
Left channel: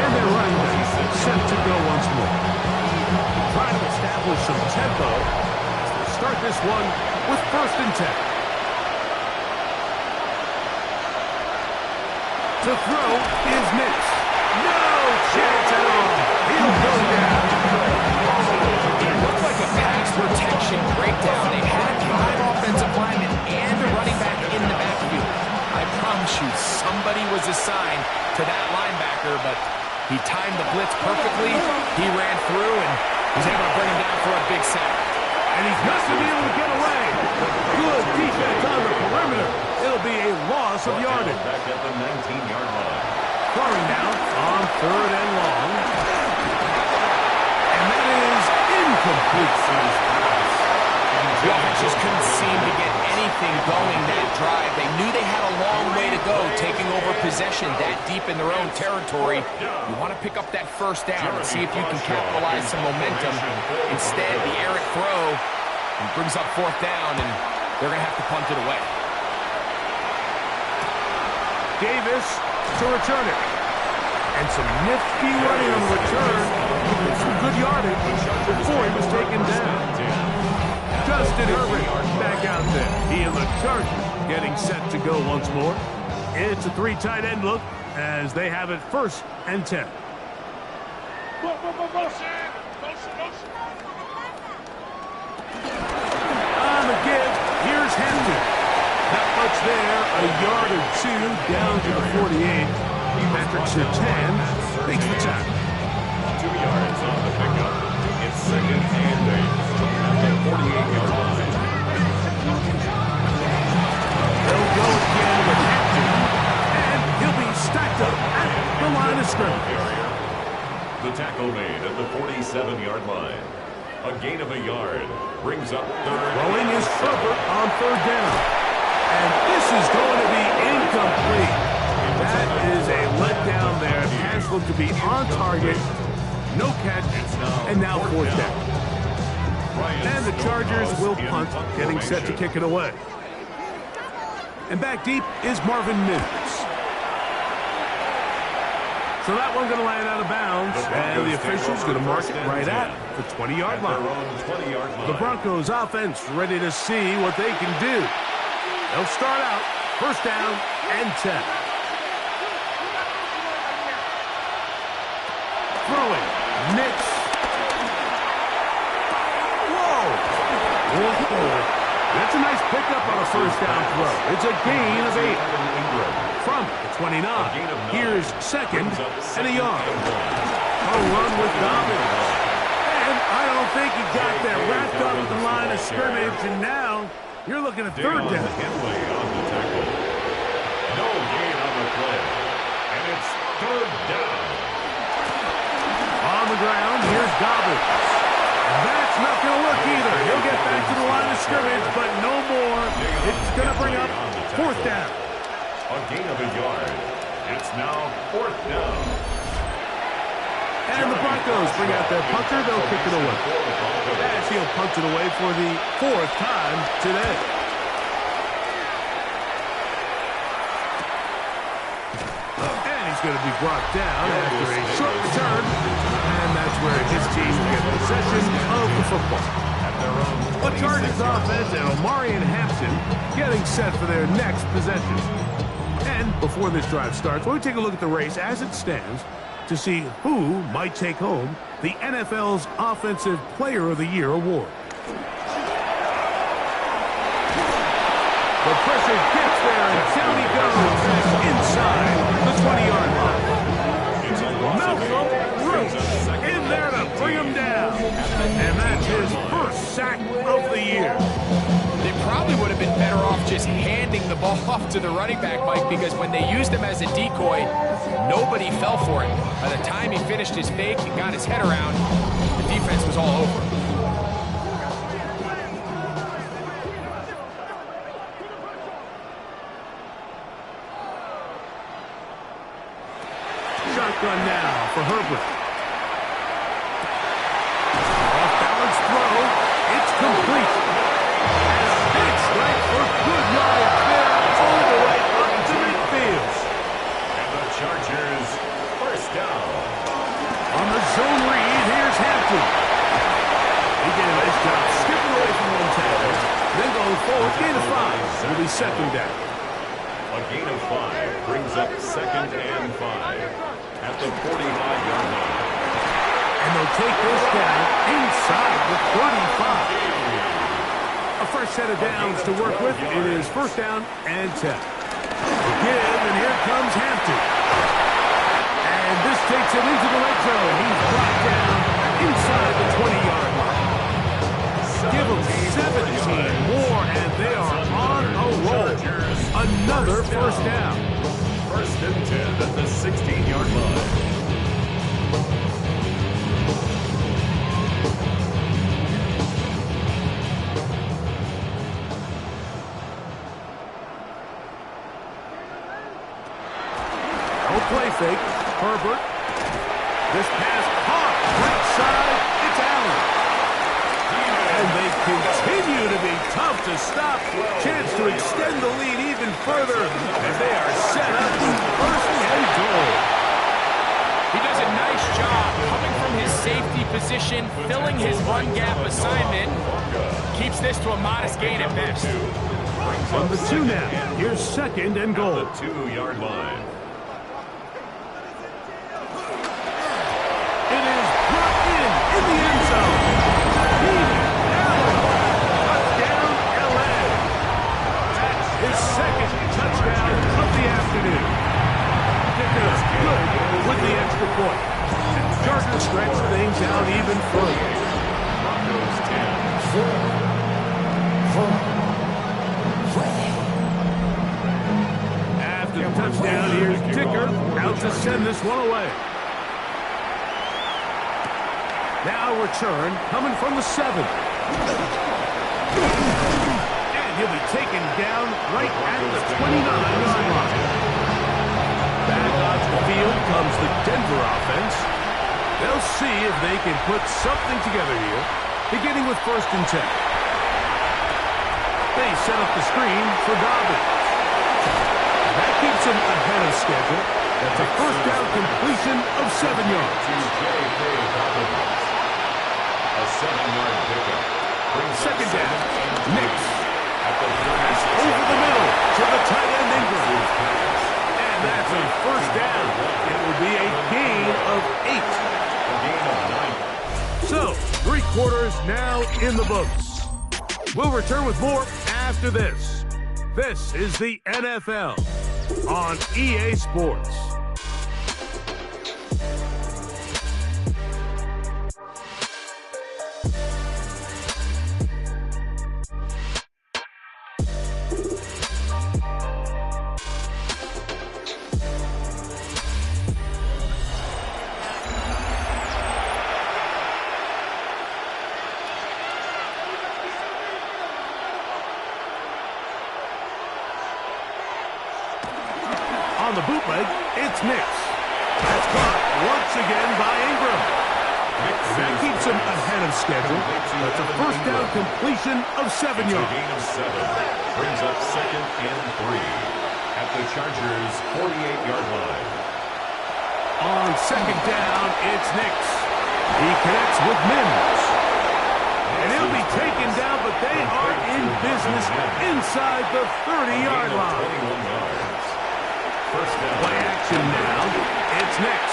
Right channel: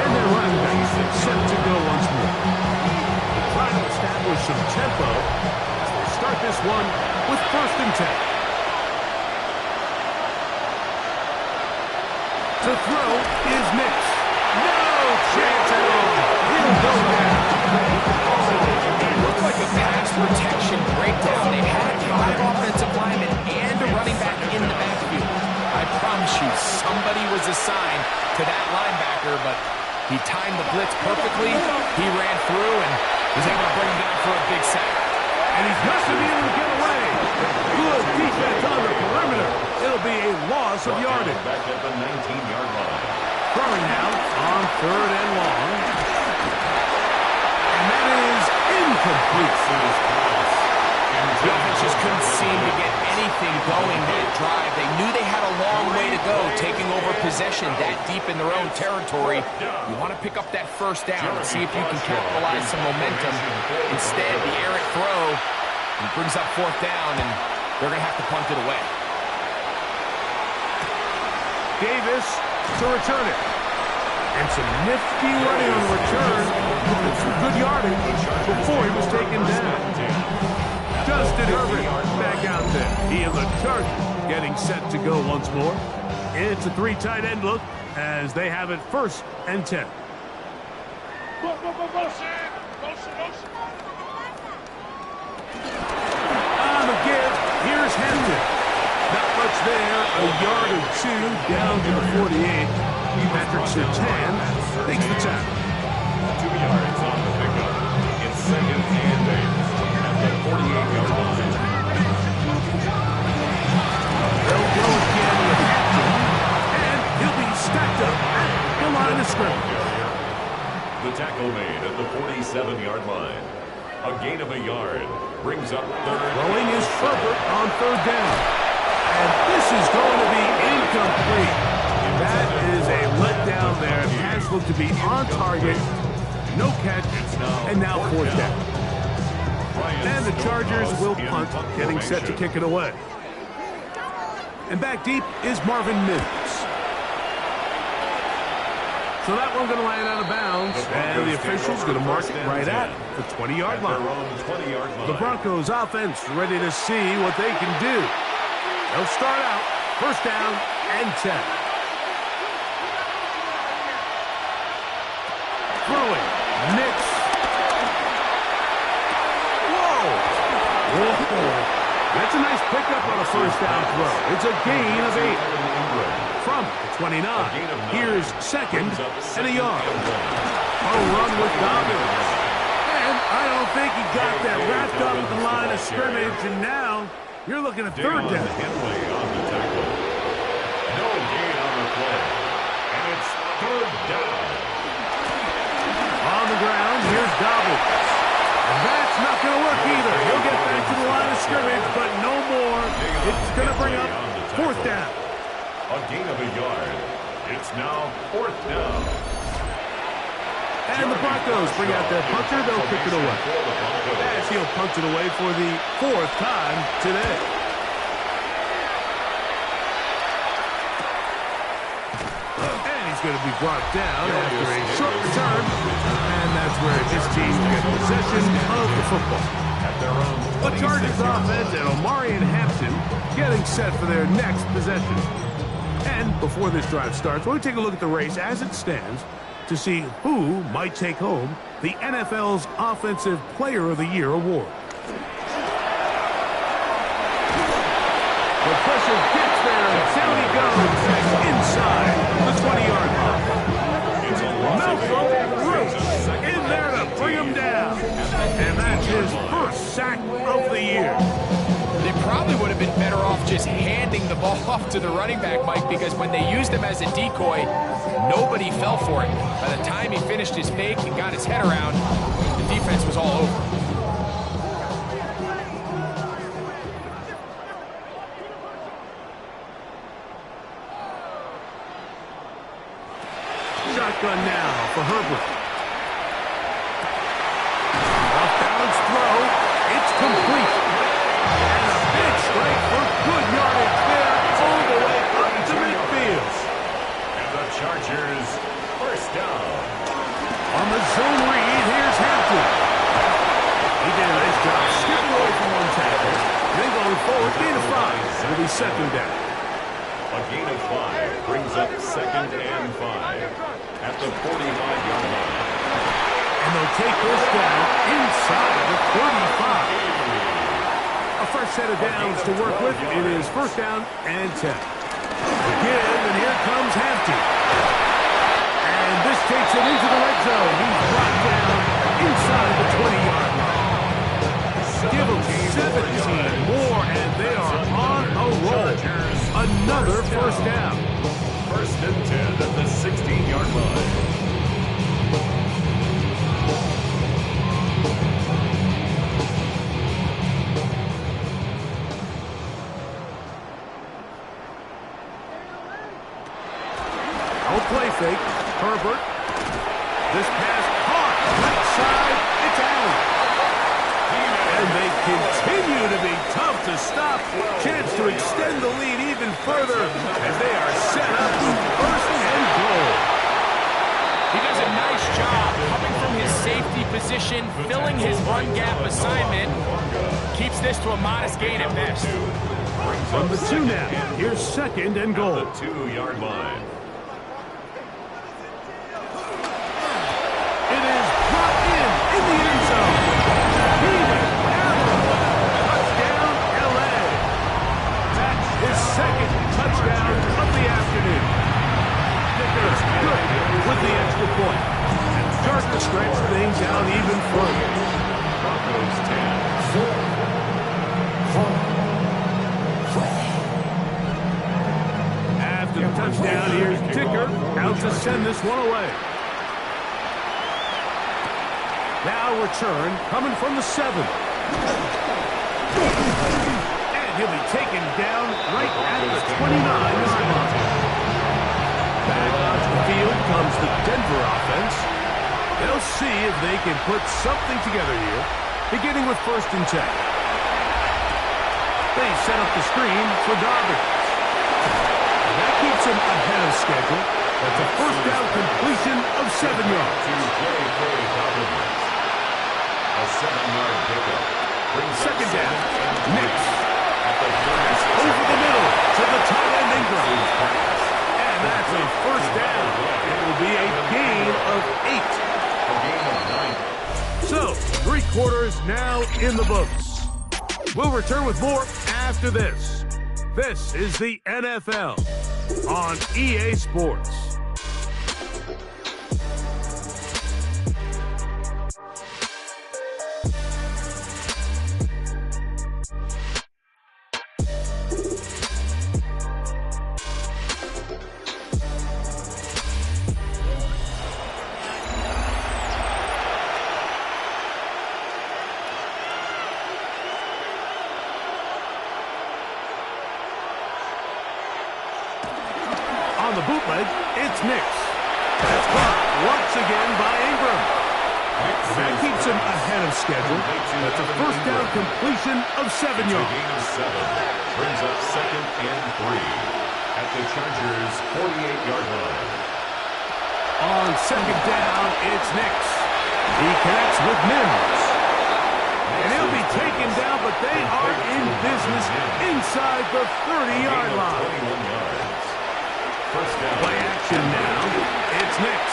And their running back set to go once more. Trying to establish some tempo as they start this one with 1st and 10. To throw is Nix. No chance at all. He'll go down. It looked like a pass protection breakdown. They had 5 offensive linemen and a running back in the back promise you, somebody was assigned to that linebacker, but he timed the blitz perfectly. He ran through and was able to bring him down for a big sack. And he's not going to be able to get away. Good defense on the perimeter. It'll be a loss of yardage. Back at the 19-yard line. Throwing now on 3rd and long. And that is incomplete. The offense just couldn't seem to get anything going that drive. They knew they had a long way to go taking over possession that deep in their own territory. You want to pick up that first down and see if you can capitalize some momentum. Instead, the errant throw brings up 4th down, and they're going to have to punt it away. Davis to return it. And some nifty running on the return. Some good yardage before he was taken down. Justin Herbert back out there. He and the Chargers getting set to go once more. It's a 3 tight end look as they have it 1st and 10. On the give, here's Hampton. Not much there, a yard or 2 down to the 48. Patrick Surtain takes the tackle. 2 yards on the pickup. It's 2nd and 8. The 48-yard line. They'll go again with Hampton, and he'll be stacked up at the line of scrimmage. The tackle made at the 47-yard line. A gain of a yard brings up 3rd. Throwing is Herbert on 3rd down. And this is going to be incomplete. That is a letdown there. Pass looked to be on target. No catch, and now 4th down. And the Chargers will punt, getting set to kick it away. And back deep is Marvin Mims. So that one's going to land out of bounds, and the official's going to mark it right at the 20-yard line. The Broncos offense ready to see what they can do. They'll start out 1st down and 10. Throwing, Nix. Whoa. That's a nice pickup on a 1st down throw. It's a gain of 8. From the 29. Here's 2nd and a yard. A run with Dobbins. And I don't think he got that wrapped up at the line of scrimmage. And now you're looking at 3rd down. Henley on the tackle. No gain on the play. And it's 3rd down. On the ground, here's Dobbins. And that's not going to work either. He'll get back to the line of scrimmage, but no more. It's going to bring up 4th down. A gain of a yard. It's now 4th down. And the Broncos bring out their punter. They'll kick it away. As he'll punt it away for the 4th time today. And he's going to be brought down after a short return. And that's where his team will get possession of the football. The Chargers offense and Omarion Hampton getting set for their next possession. And before this drive starts, we'll take a look at the race as it stands to see who might take home the NFL's Offensive Player of the Year award. The pressure gets there, and down he goes inside the 20-yard line. Malcolm Brooks in there to bring him down. And that's his 1st sack of the year. They probably would have been better off just handing the ball off to the running back, Mike, because when they used him as a decoy, nobody fell for it. By the time he finished his fake and got his head around, the defense was all over. Shotgun now for Herbert. Off-balance throw. It's complete. And a big strike for good yardage there all the way up to midfield. And the Chargers 1st down. On the zone read, here's Hampton. He did a nice job skipping away from one tackle. Then going forward, gain of 5. It'll be 2nd down. A gain of 5 brings up 2nd and 5 at the 45-yard line. And they'll take this down inside the 35. A fresh set of downs to work with. It is 1st down and 10. give, and here comes Hampton. And this takes him into the red zone. He's brought down inside the 20-yard line. Give them 17 more, and they are on a roll. Another first down. First and 10 at the 16-yard line. No play fake. Herbert. This pass caught. Right side. It's Allen. And they continue to be tough to stop. Chance to extend the lead even further as they are set up with first and goal. He does a nice job coming from his safety position, filling his run gap assignment. Keeps this to a modest gain at best. From the 2 now. Here's second and goal. At the 2-yard line. It is brought in the end zone. Keenan Allen. Touchdown, L.A. That's his second touchdown of the afternoon. Dicker good with the extra point. And Gardner stretched things out even further. Broncos 10. After the touchdown, here's Dicker out to send this one away. Now return coming from the 7. And he'll be taken down right at the 29-yard line. Back onto the field comes the Denver offense. They'll see if they can put something together here, beginning with first and 10. They set up the screen for Dobbins. And that keeps him ahead of schedule. That's a first down completion of 7 yards. To J.K. Dobbins. A 7-yard pickup. Second down. Nix. Over the middle to the tight end Ingram. And that's a first down. It will be a gain of 8. A gain of 9. So, 3 quarters now in the books. We'll return with more after this. This is the NFL on EA Sports. On the bootleg, it's Nix. That's caught once again by Ingram. And that keeps him ahead of schedule. That's a first down completion of 7 yards. A gain of 7. Brings up second and 3 at the Chargers' 48-yard line. On second down, it's Nix. He connects with Mims. And he'll be taken down, but they are in business inside the 30-yard line. 21 yards. First down. Play action now. It's Nix.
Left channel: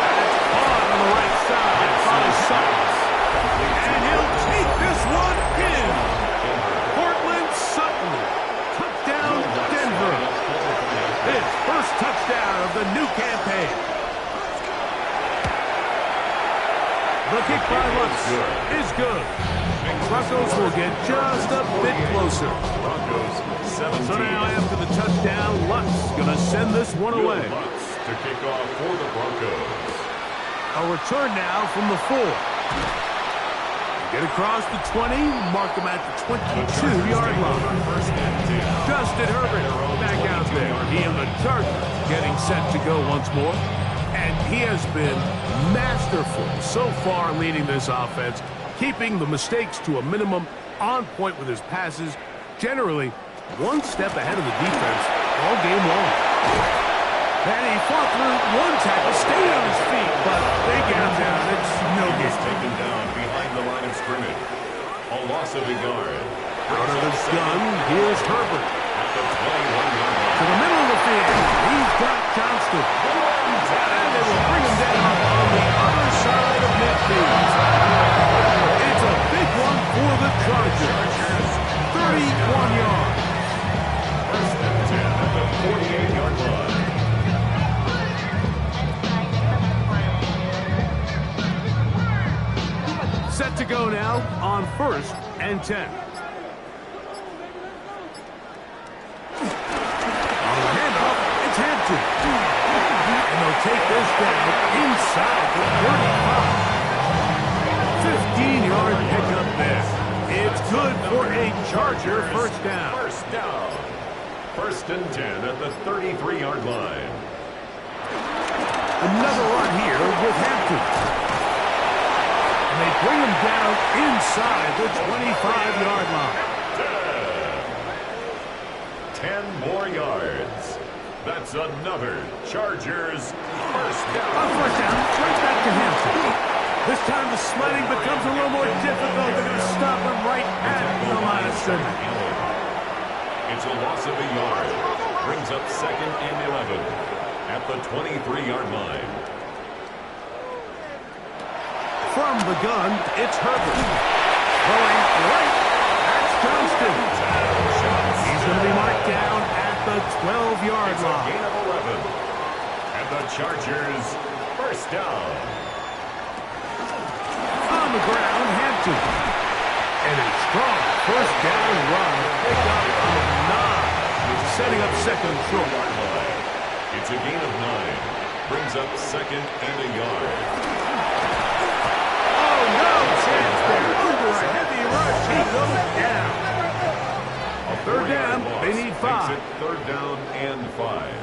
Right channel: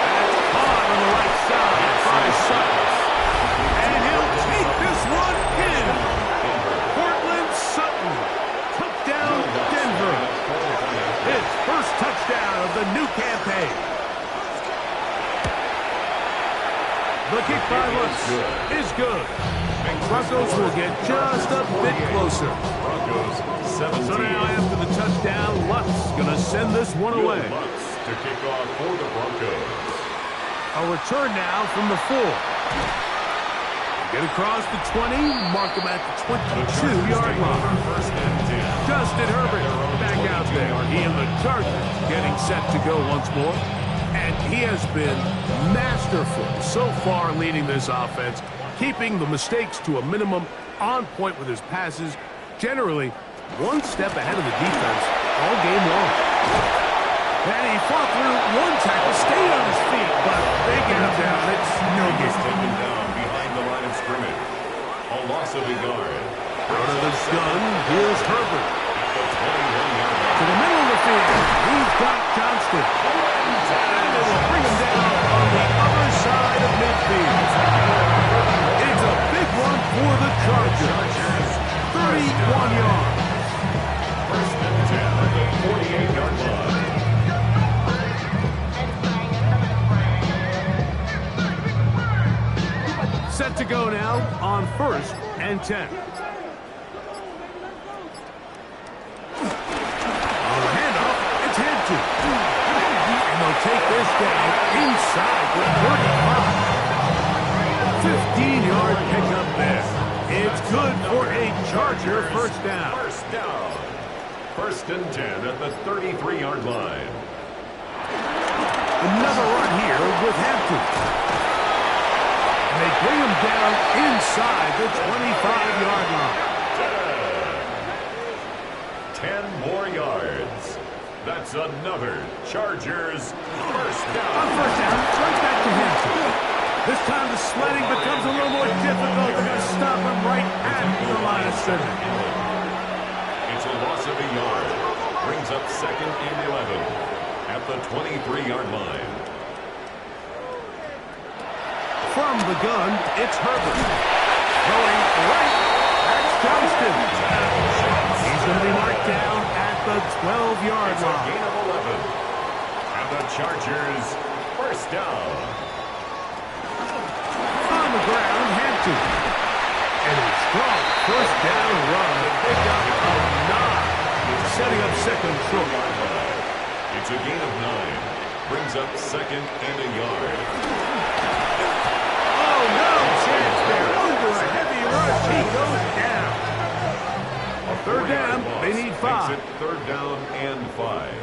And it's caught on the right side by Sutton. And he'll take this one in. Cortland Sutton. Touchdown, Denver. His first touchdown of the new campaign. The kick by Lutz is good. Broncos will get just a bit closer. Broncos 17. So now after the touchdown, Lutz going to send this one away. Lutz to kick off for the Broncos. A return now from the 4. Get across the 20, mark him at the 22-yard line. First and 10. Justin Herbert back out there. He and the Chargers getting set to go once more. And he has been masterful so far leading this offense, keeping the mistakes to a minimum, on point with his passes, generally one step ahead of the defense all game long. And he fought through one tackle, stayed on his feet, but they get him down. It's no good. He's taken down behind the line of scrimmage. A loss of a yard. Out of the gun, here's Herbert. At the 21-yard line. To the middle of the field, he's got Johnston. And they will bring him down on the other side of midfield. It's a big one for the Chargers. 31 yards. First and and 10 at the 48-yard line. Set to go now on 1st and 10. On the handoff, it's Hampton. And they'll take this down inside the 35. 15-yard pickup there. It's good for a Charger first down. First down. 1st and 10 at the 33-yard line. Another run here with Hampton. And they bring him down inside the 25-yard line. 10 more yards. That's another Chargers first down. On first down, right back to Hampton. This time the sledding becomes a little more difficult. They're going to stop him right at the line of scrimmage. It's a loss of a yard. Brings up 2nd and 11 at the 23-yard line. From the gun, it's Herbert. Throwing right, that's Johnston. He's going to be marked down at the 12-yard line. It's a gain of 11. And the Chargers first down. On the ground, Hampton. And a strong first down run. Pick up of 9. Setting up second short. It's a gain of 9. Brings up 2nd and a yard. Oh, no chance there. Under a heavy rush, he goes down. A third down, they need 5. Makes it 3rd down and 5.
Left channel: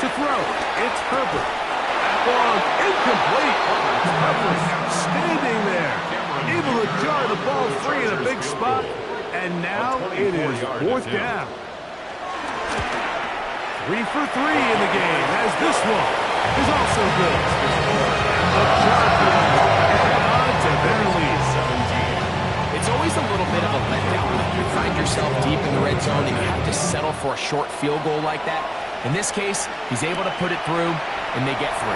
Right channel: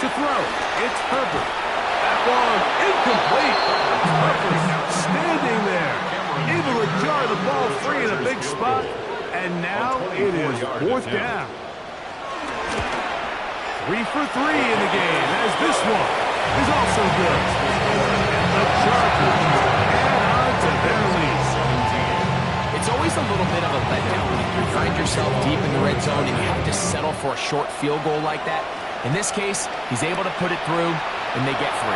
To throw, it's Herbert. That one incomplete. Herbert standing there, able to jar the ball free in a big spot. And now it is 4th down. 3 for 3 in the game, as this one is also good. And the Chargers add on to their lead. 17. It's always a little bit of a letdown when you find yourself deep in the red zone and you have to settle for a short field goal like that. In this case, he's able to put it through, and they get 3.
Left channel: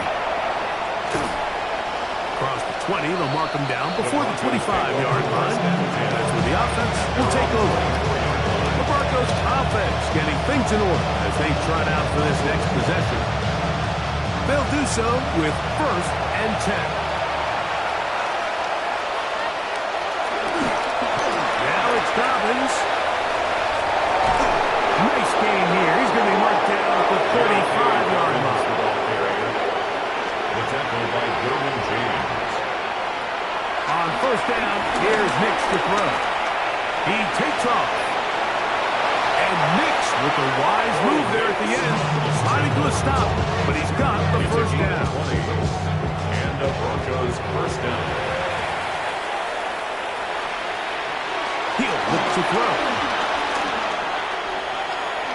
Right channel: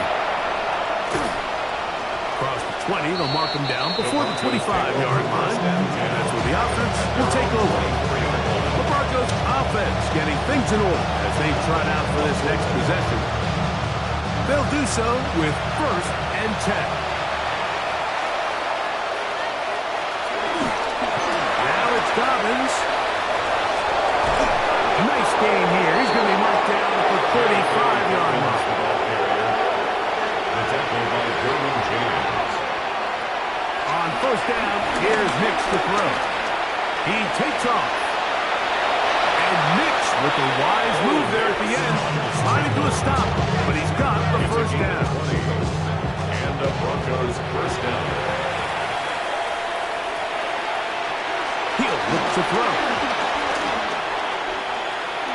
Across the 20, they'll mark him down before the 25-yard line. And that's where the offense will take over. The Broncos offense getting things in order as they trot out for this next possession. They'll do so with 1st and 10. Now it's Dobbins. Nice game here. He's going to be marked down at the 35-yard line. The tackle by Derwin James. On first down, here's Nix to throw. He takes off. And Nix with a wise move there at the end, sliding to a stop, but he's got the first down. 20. And the Broncos first down. He'll look to throw.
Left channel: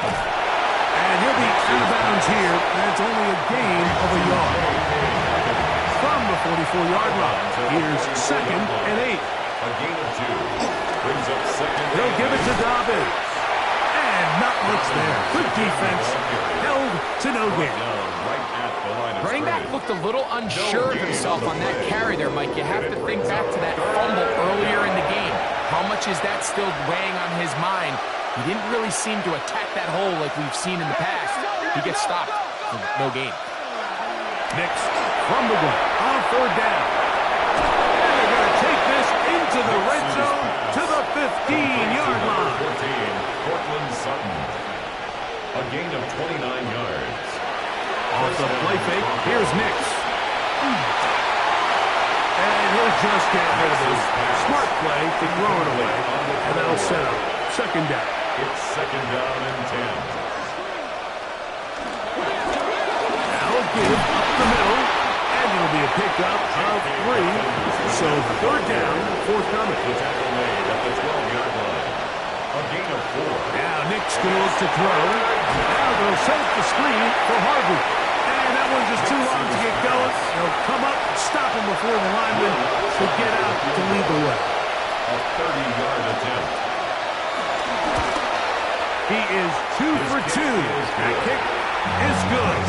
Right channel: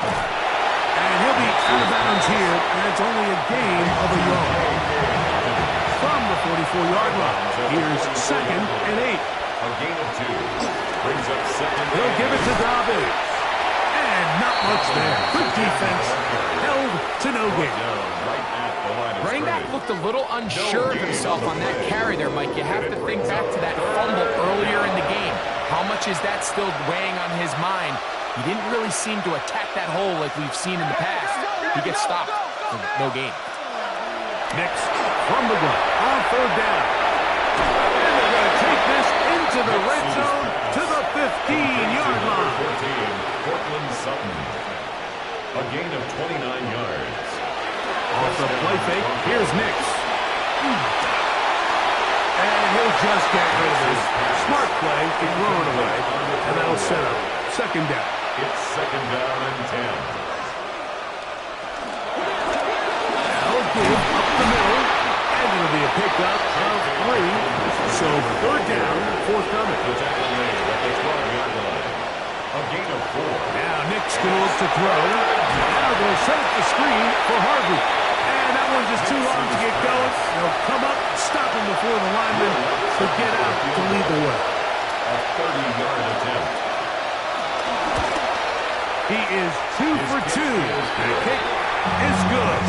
And he'll be out of bounds here, and it's only a gain of a yard. From the 44-yard line, here's 2nd and 8. A gain of 2. Brings up 2nd. He'll give it to Dobbins. And not much there. Good defense. Held to no gain. Right at the line of Running back looked a little unsure of himself on that carry there, Mike. You have to think back to that fumble earlier in the game. How much is that still weighing on his mind? He didn't really seem to attack that hole like we've seen in the past. He gets stopped for no gain. Next, from the gun, on 3rd down. And they're going to take this into the red zone to the 15-yard line. 14, Cortland Sutton. A gain of 29 yards. Off the play fake, here's Nix. And he'll just get rid of this. Smart play to throw it away. And that'll set up 2nd down. It's 2nd down and 10. Now a give up the middle. And it'll be a pickup of 3. So 3rd down, forthcoming. The tackle made at the 12-yard line. A gain of 4. Now Nix can look to throw. Now they'll set up the screen for Harvey. And that one's just too long to get going. They'll come up, stop him before the lineman to get out to lead the way. A 30-yard attempt. He is 2 for 2. That kick is good.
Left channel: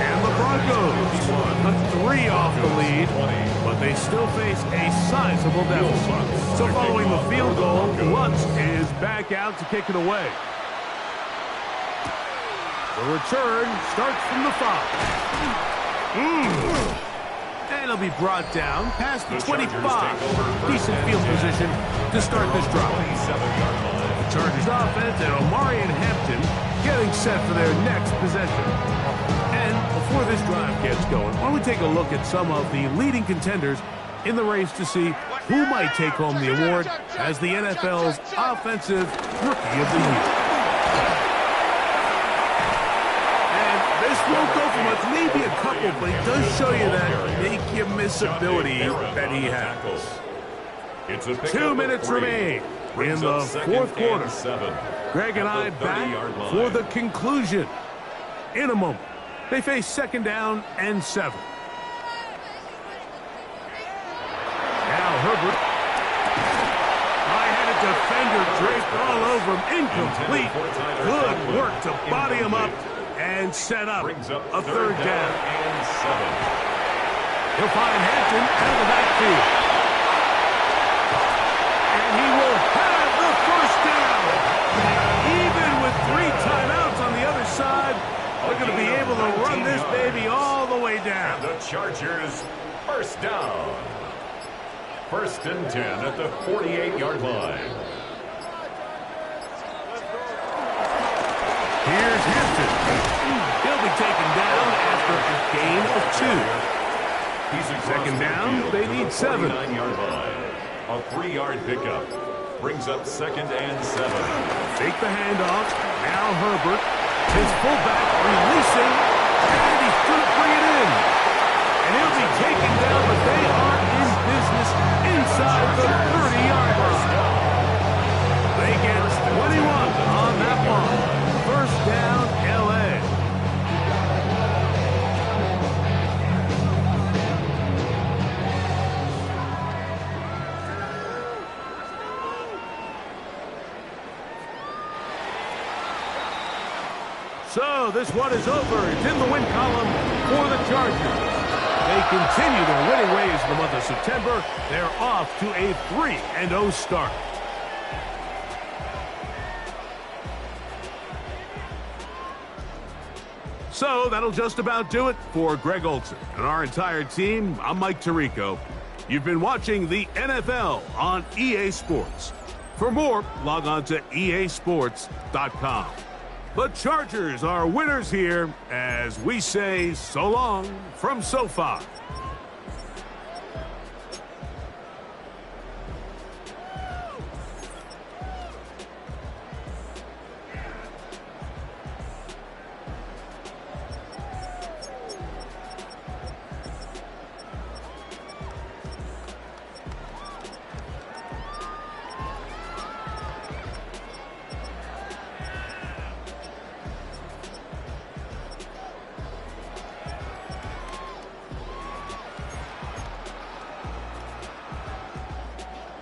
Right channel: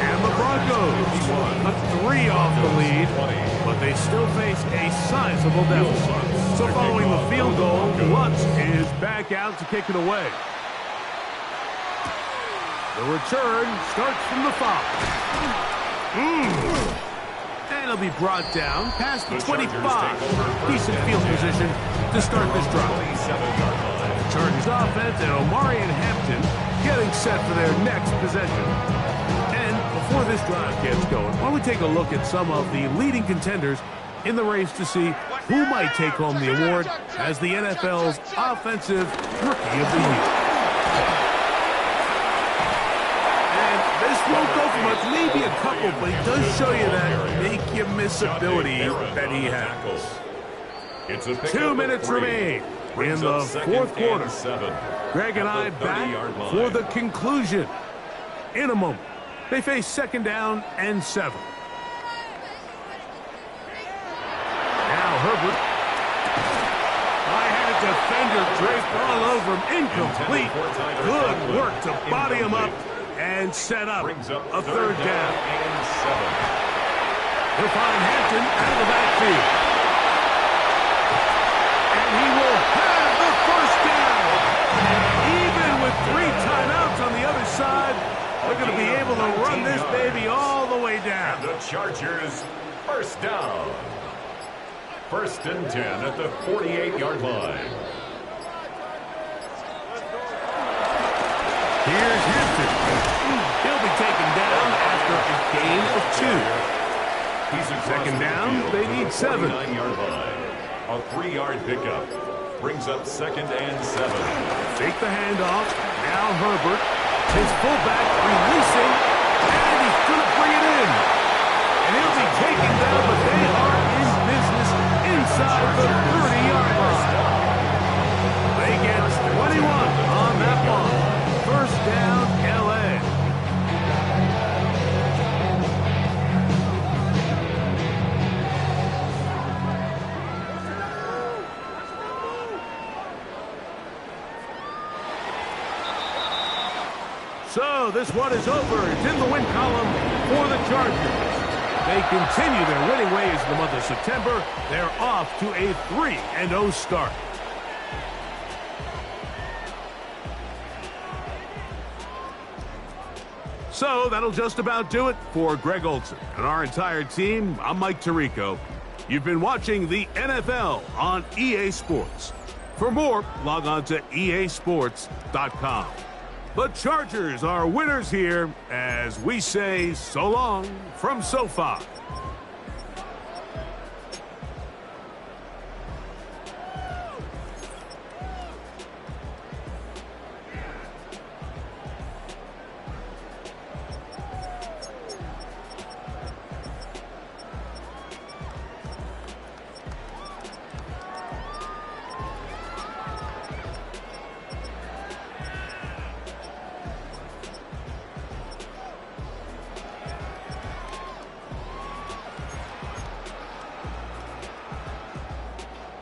And the Broncos cut 3 off the lead, but they still face a sizable deficit. So following the field goal, Lutz is back out to kick it away. The return starts from the 5. And it'll be brought down past the 25. Decent field position to start this drive. The Chargers offense and Omarion Hampton getting set for their next possession. And before this drive gets going, why don't we take a look at some of the leading contenders in the race to see who might take home the award as the NFL's Offensive Rookie of the Year. This won't go for much, maybe a couple, but he does show you that make-you-miss ability that he has. 2 minutes remain in the fourth quarter. Greg and I back for the conclusion. In a moment, they face 2nd down and 7. Now Herbert. High-headed defender draped all over him. Incomplete. Good work to body him up. And set up a 3rd down. And 7. He'll find Hampton out of the backfield. And he will have the 1st down. Even with 3 timeouts on the other side, they're going to be able to run this baby all the way down. And the Chargers, 1st down. 1st and 10 at the 48-yard line. Here's Hampton. He'll be taken down after a gain of 2. He's 2nd down, they need 7. 49-yard line. A 3-yard pickup. Brings up 2nd and 7. Take the handoff. Now Herbert. His fullback releasing. And he's going to bring it in. And he'll be taken down, but they are in business inside the 30-yard line. They get 21 on that one. 1st down, L.A. So this one is over. It's in the win column for the Chargers. They continue their winning ways in the month of September. They're off to a 3-0 start. So that'll just about do it for Greg Olsen and our entire team. I'm Mike Tirico. You've been watching the NFL on EA Sports. For more, log on to easports.com. The Chargers are winners here as we say so long from SoFi.